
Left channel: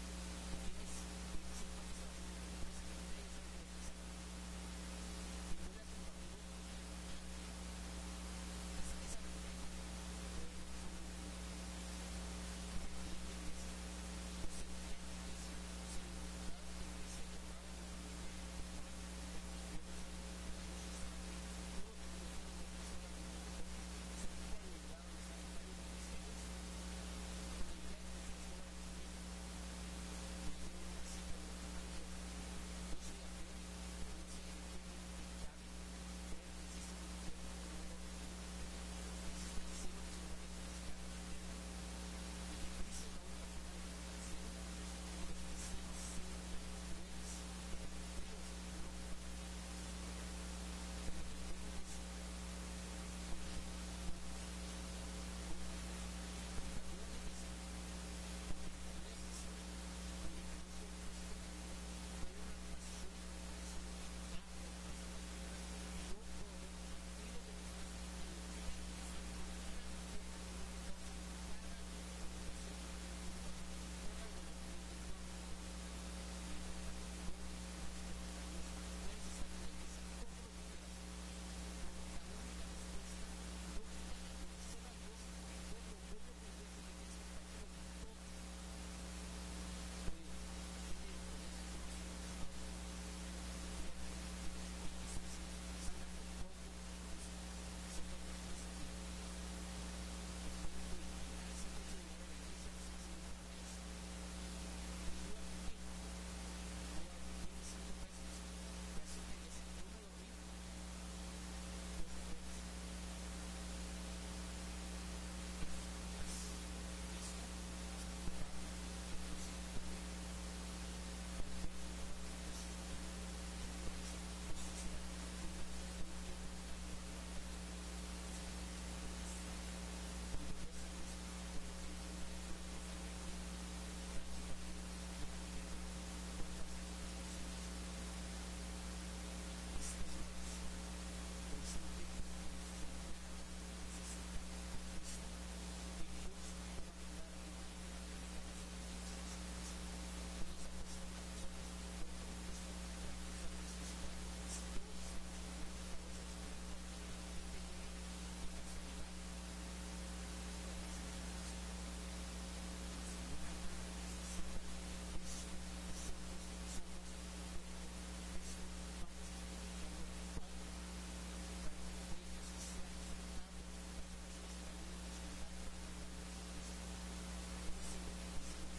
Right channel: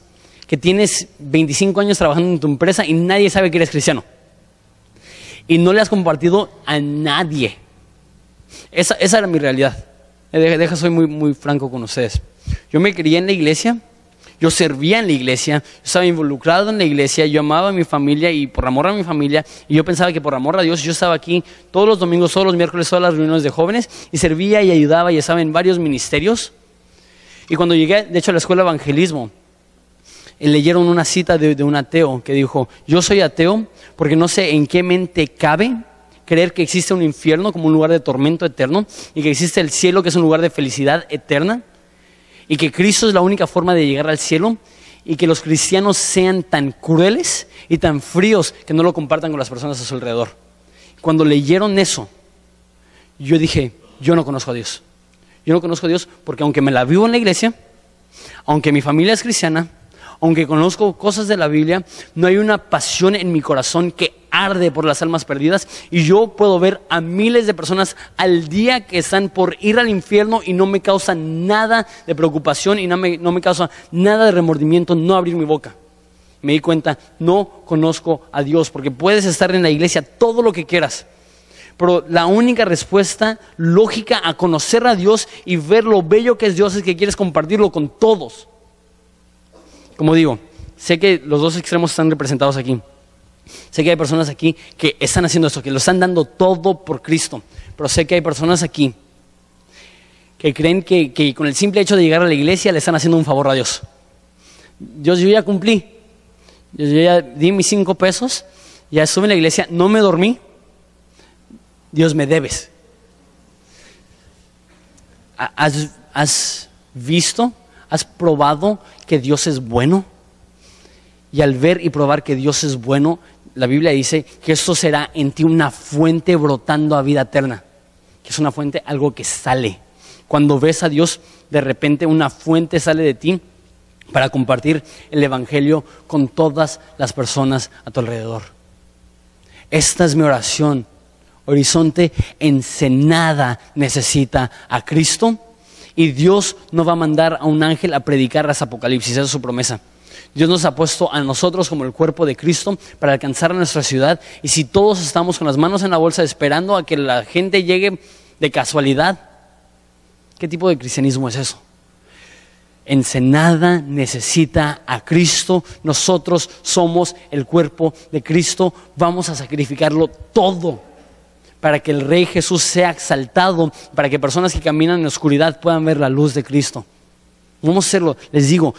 que tienes 25 años trabajando en tu empresa y nadie sabe que eres cristiano. Y no le has compartido a nadie. Esa era mi realidad. Soy muy franco con ustedes. Yo me crié en la iglesia, yo servía en la iglesia, yo estaba involucrado en la iglesia, yo amaba a mi familia y por amor a mi familia, y yo pensaba que por amor a Dios yo estaba aquí todos los domingos, todos los miércoles, todas las reuniones de jóvenes, y servía y ayudaba y estaba en varios ministerios. Y cuando llegué, de hecho, a la escuela de evangelismo, leyeron una cita de un ateo que dijo, yo soy ateo porque no sé en qué mente cabe creer que existe un infierno como un lugar de tormento eterno y que existe el cielo que es un lugar de felicidad eterna y que Cristo es la única forma de llegar al cielo y que los cristianos sean tan crueles y tan fríos que no lo compartan con las personas a su alrededor. Cuando leyeron eso, yo dije, yo no conozco a Dios. Yo no conozco a Dios porque aunque me la vivo en la iglesia, aunque mi familia es cristiana, aunque conozco cosas de la Biblia, no hay una pasión en mi corazón que arde por las almas perdidas. Y yo puedo ver a miles de personas al día que están por ir al infierno y no me causa nada de preocupación y no me causa nada de remordimiento no abrir mi boca. Me di cuenta, no conozco a Dios, porque puedes estar en la iglesia todo lo que quieras, pero la única respuesta lógica a conocer a Dios y ver lo bello que es Dios es que quieres compartirlo con todos. Como digo, sé que los dos extremos están representados aquí. Sé que hay personas aquí que están haciendo esto, que lo están dando todo por Cristo. Pero sé que hay personas aquí que creen que con el simple hecho de llegar a la iglesia le están haciendo un favor a Dios. Yo ya cumplí. Yo ya di mis 5 pesos, ya estuve en la iglesia, no me dormí. Dios, me debes. ¿Has visto? ¿Has probado que Dios es bueno? Y al ver y probar que Dios es bueno, la Biblia dice que esto será en ti una fuente brotando a vida eterna. Que es una fuente, algo que sale. Cuando ves a Dios, de repente una fuente sale de ti para compartir el evangelio con todas las personas a tu alrededor. Esta es mi oración. Horizonte Ensenada necesita a Cristo. Y Dios no va a mandar a un ángel a predicar las Apocalipsis, esa es su promesa. Dios nos ha puesto a nosotros como el cuerpo de Cristo para alcanzar a nuestra ciudad. Y si todos estamos con las manos en la bolsa esperando a que la gente llegue de casualidad, ¿qué tipo de cristianismo es eso? Ensenada necesita a Cristo. Nosotros somos el cuerpo de Cristo. Vamos a sacrificarlo todo para que el Rey Jesús sea exaltado, para que personas que caminan en la oscuridad puedan ver la luz de Cristo. Vamos a hacerlo. Les digo,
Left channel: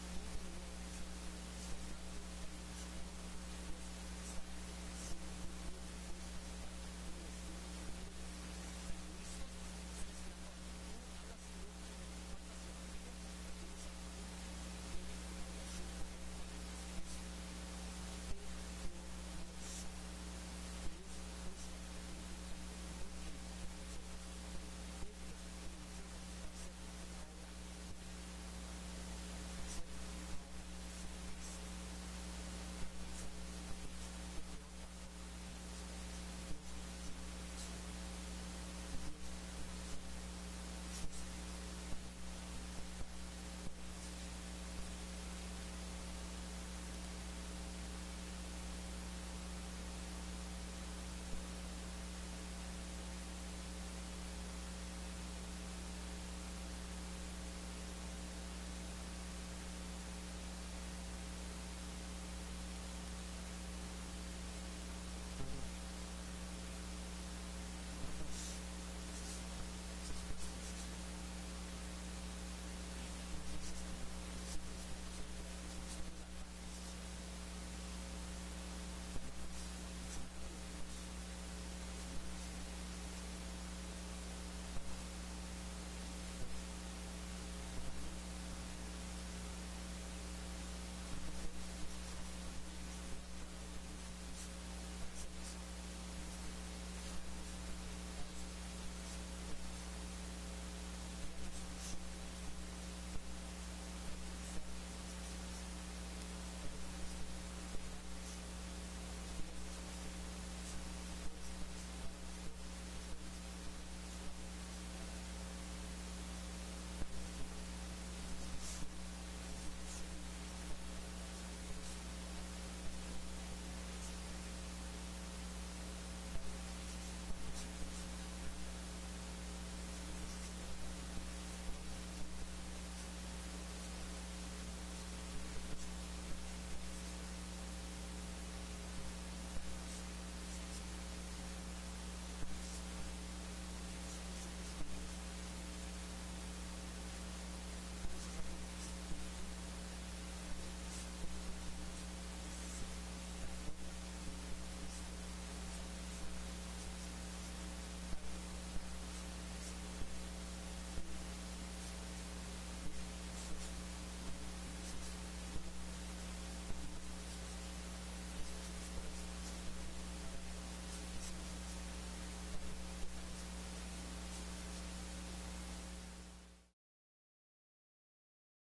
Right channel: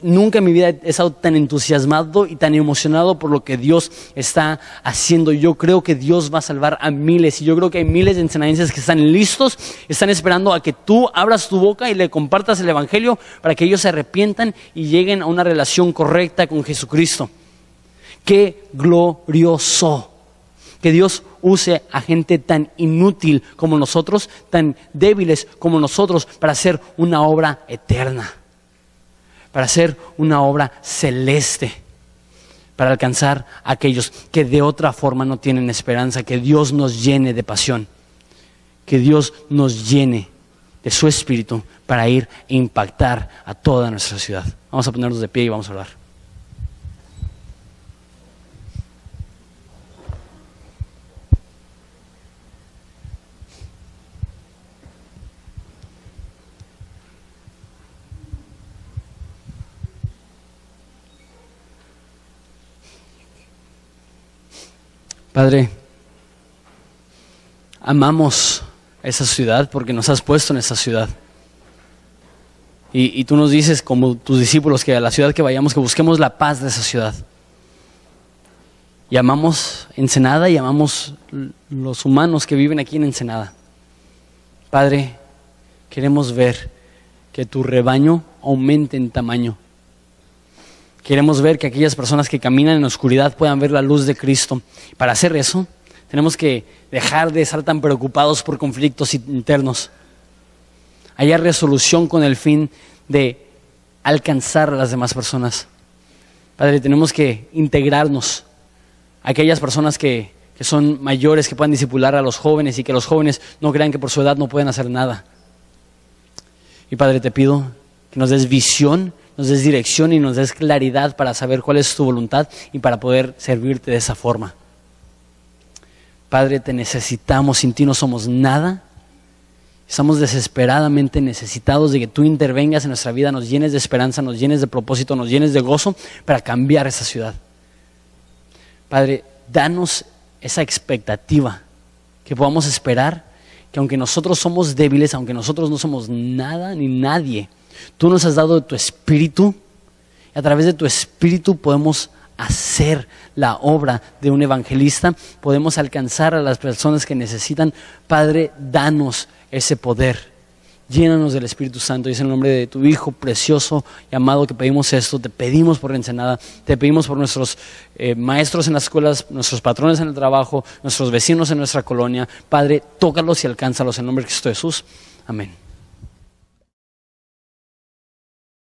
nunca en mi vida he estado tan entusiasmado y tan emocionado por lo que Dios está haciendo. Yo creo que Dios va a salvar a miles, y yo creo que hay miles de ensenadenses que están listos, están esperando a que tú abras tu boca y le compartas el evangelio para que ellos se arrepientan y lleguen a una relación correcta con Jesucristo. ¡Qué glorioso! Que Dios use a gente tan inútil como nosotros, tan débiles como nosotros, para hacer una obra eterna, para hacer una obra celeste, para alcanzar a aquellos que de otra forma no tienen esperanza. Que Dios nos llene de pasión, que Dios nos llene de su espíritu para ir e impactar a toda nuestra ciudad. Vamos a ponernos de pie y vamos a orar. Padre, amamos esa ciudad porque nos has puesto en esa ciudad. Y tú nos dices, como tus discípulos, que a la ciudad que vayamos, que busquemos la paz de esa ciudad. Y amamos Ensenada y amamos los humanos que viven aquí en Ensenada. Padre, queremos ver que tu rebaño aumente en tamaño. Queremos ver que aquellas personas que caminan en la oscuridad puedan ver la luz de Cristo. Para hacer eso, tenemos que dejar de estar tan preocupados por conflictos internos. Haya resolución con el fin de alcanzar a las demás personas. Padre, tenemos que integrarnos a aquellas personas que son mayores, que puedan discipular a los jóvenes, y que los jóvenes no crean que por su edad no pueden hacer nada. Y Padre, te pido que nos des visión, nos des dirección y nos des claridad para saber cuál es tu voluntad y para poder servirte de esa forma. Padre, te necesitamos, sin ti no somos nada. Estamos desesperadamente necesitados de que tú intervengas en nuestra vida, nos llenes de esperanza, nos llenes de propósito, nos llenes de gozo para cambiar esa ciudad. Padre, danos esa expectativa, que podamos esperar que aunque nosotros somos débiles, aunque nosotros no somos nada ni nadie, tú nos has dado tu espíritu, y a través de tu espíritu podemos hacer la obra de un evangelista, podemos alcanzar a las personas que necesitan. Padre, danos ese poder, llénanos del Espíritu Santo. Y es en el nombre de tu Hijo precioso y amado que pedimos esto. Te pedimos por Ensenada, te pedimos por nuestros maestros en las escuelas, nuestros patrones en el trabajo, nuestros vecinos en nuestra colonia. Padre, tócalos y alcánzalos en el nombre de Cristo Jesús. Amén.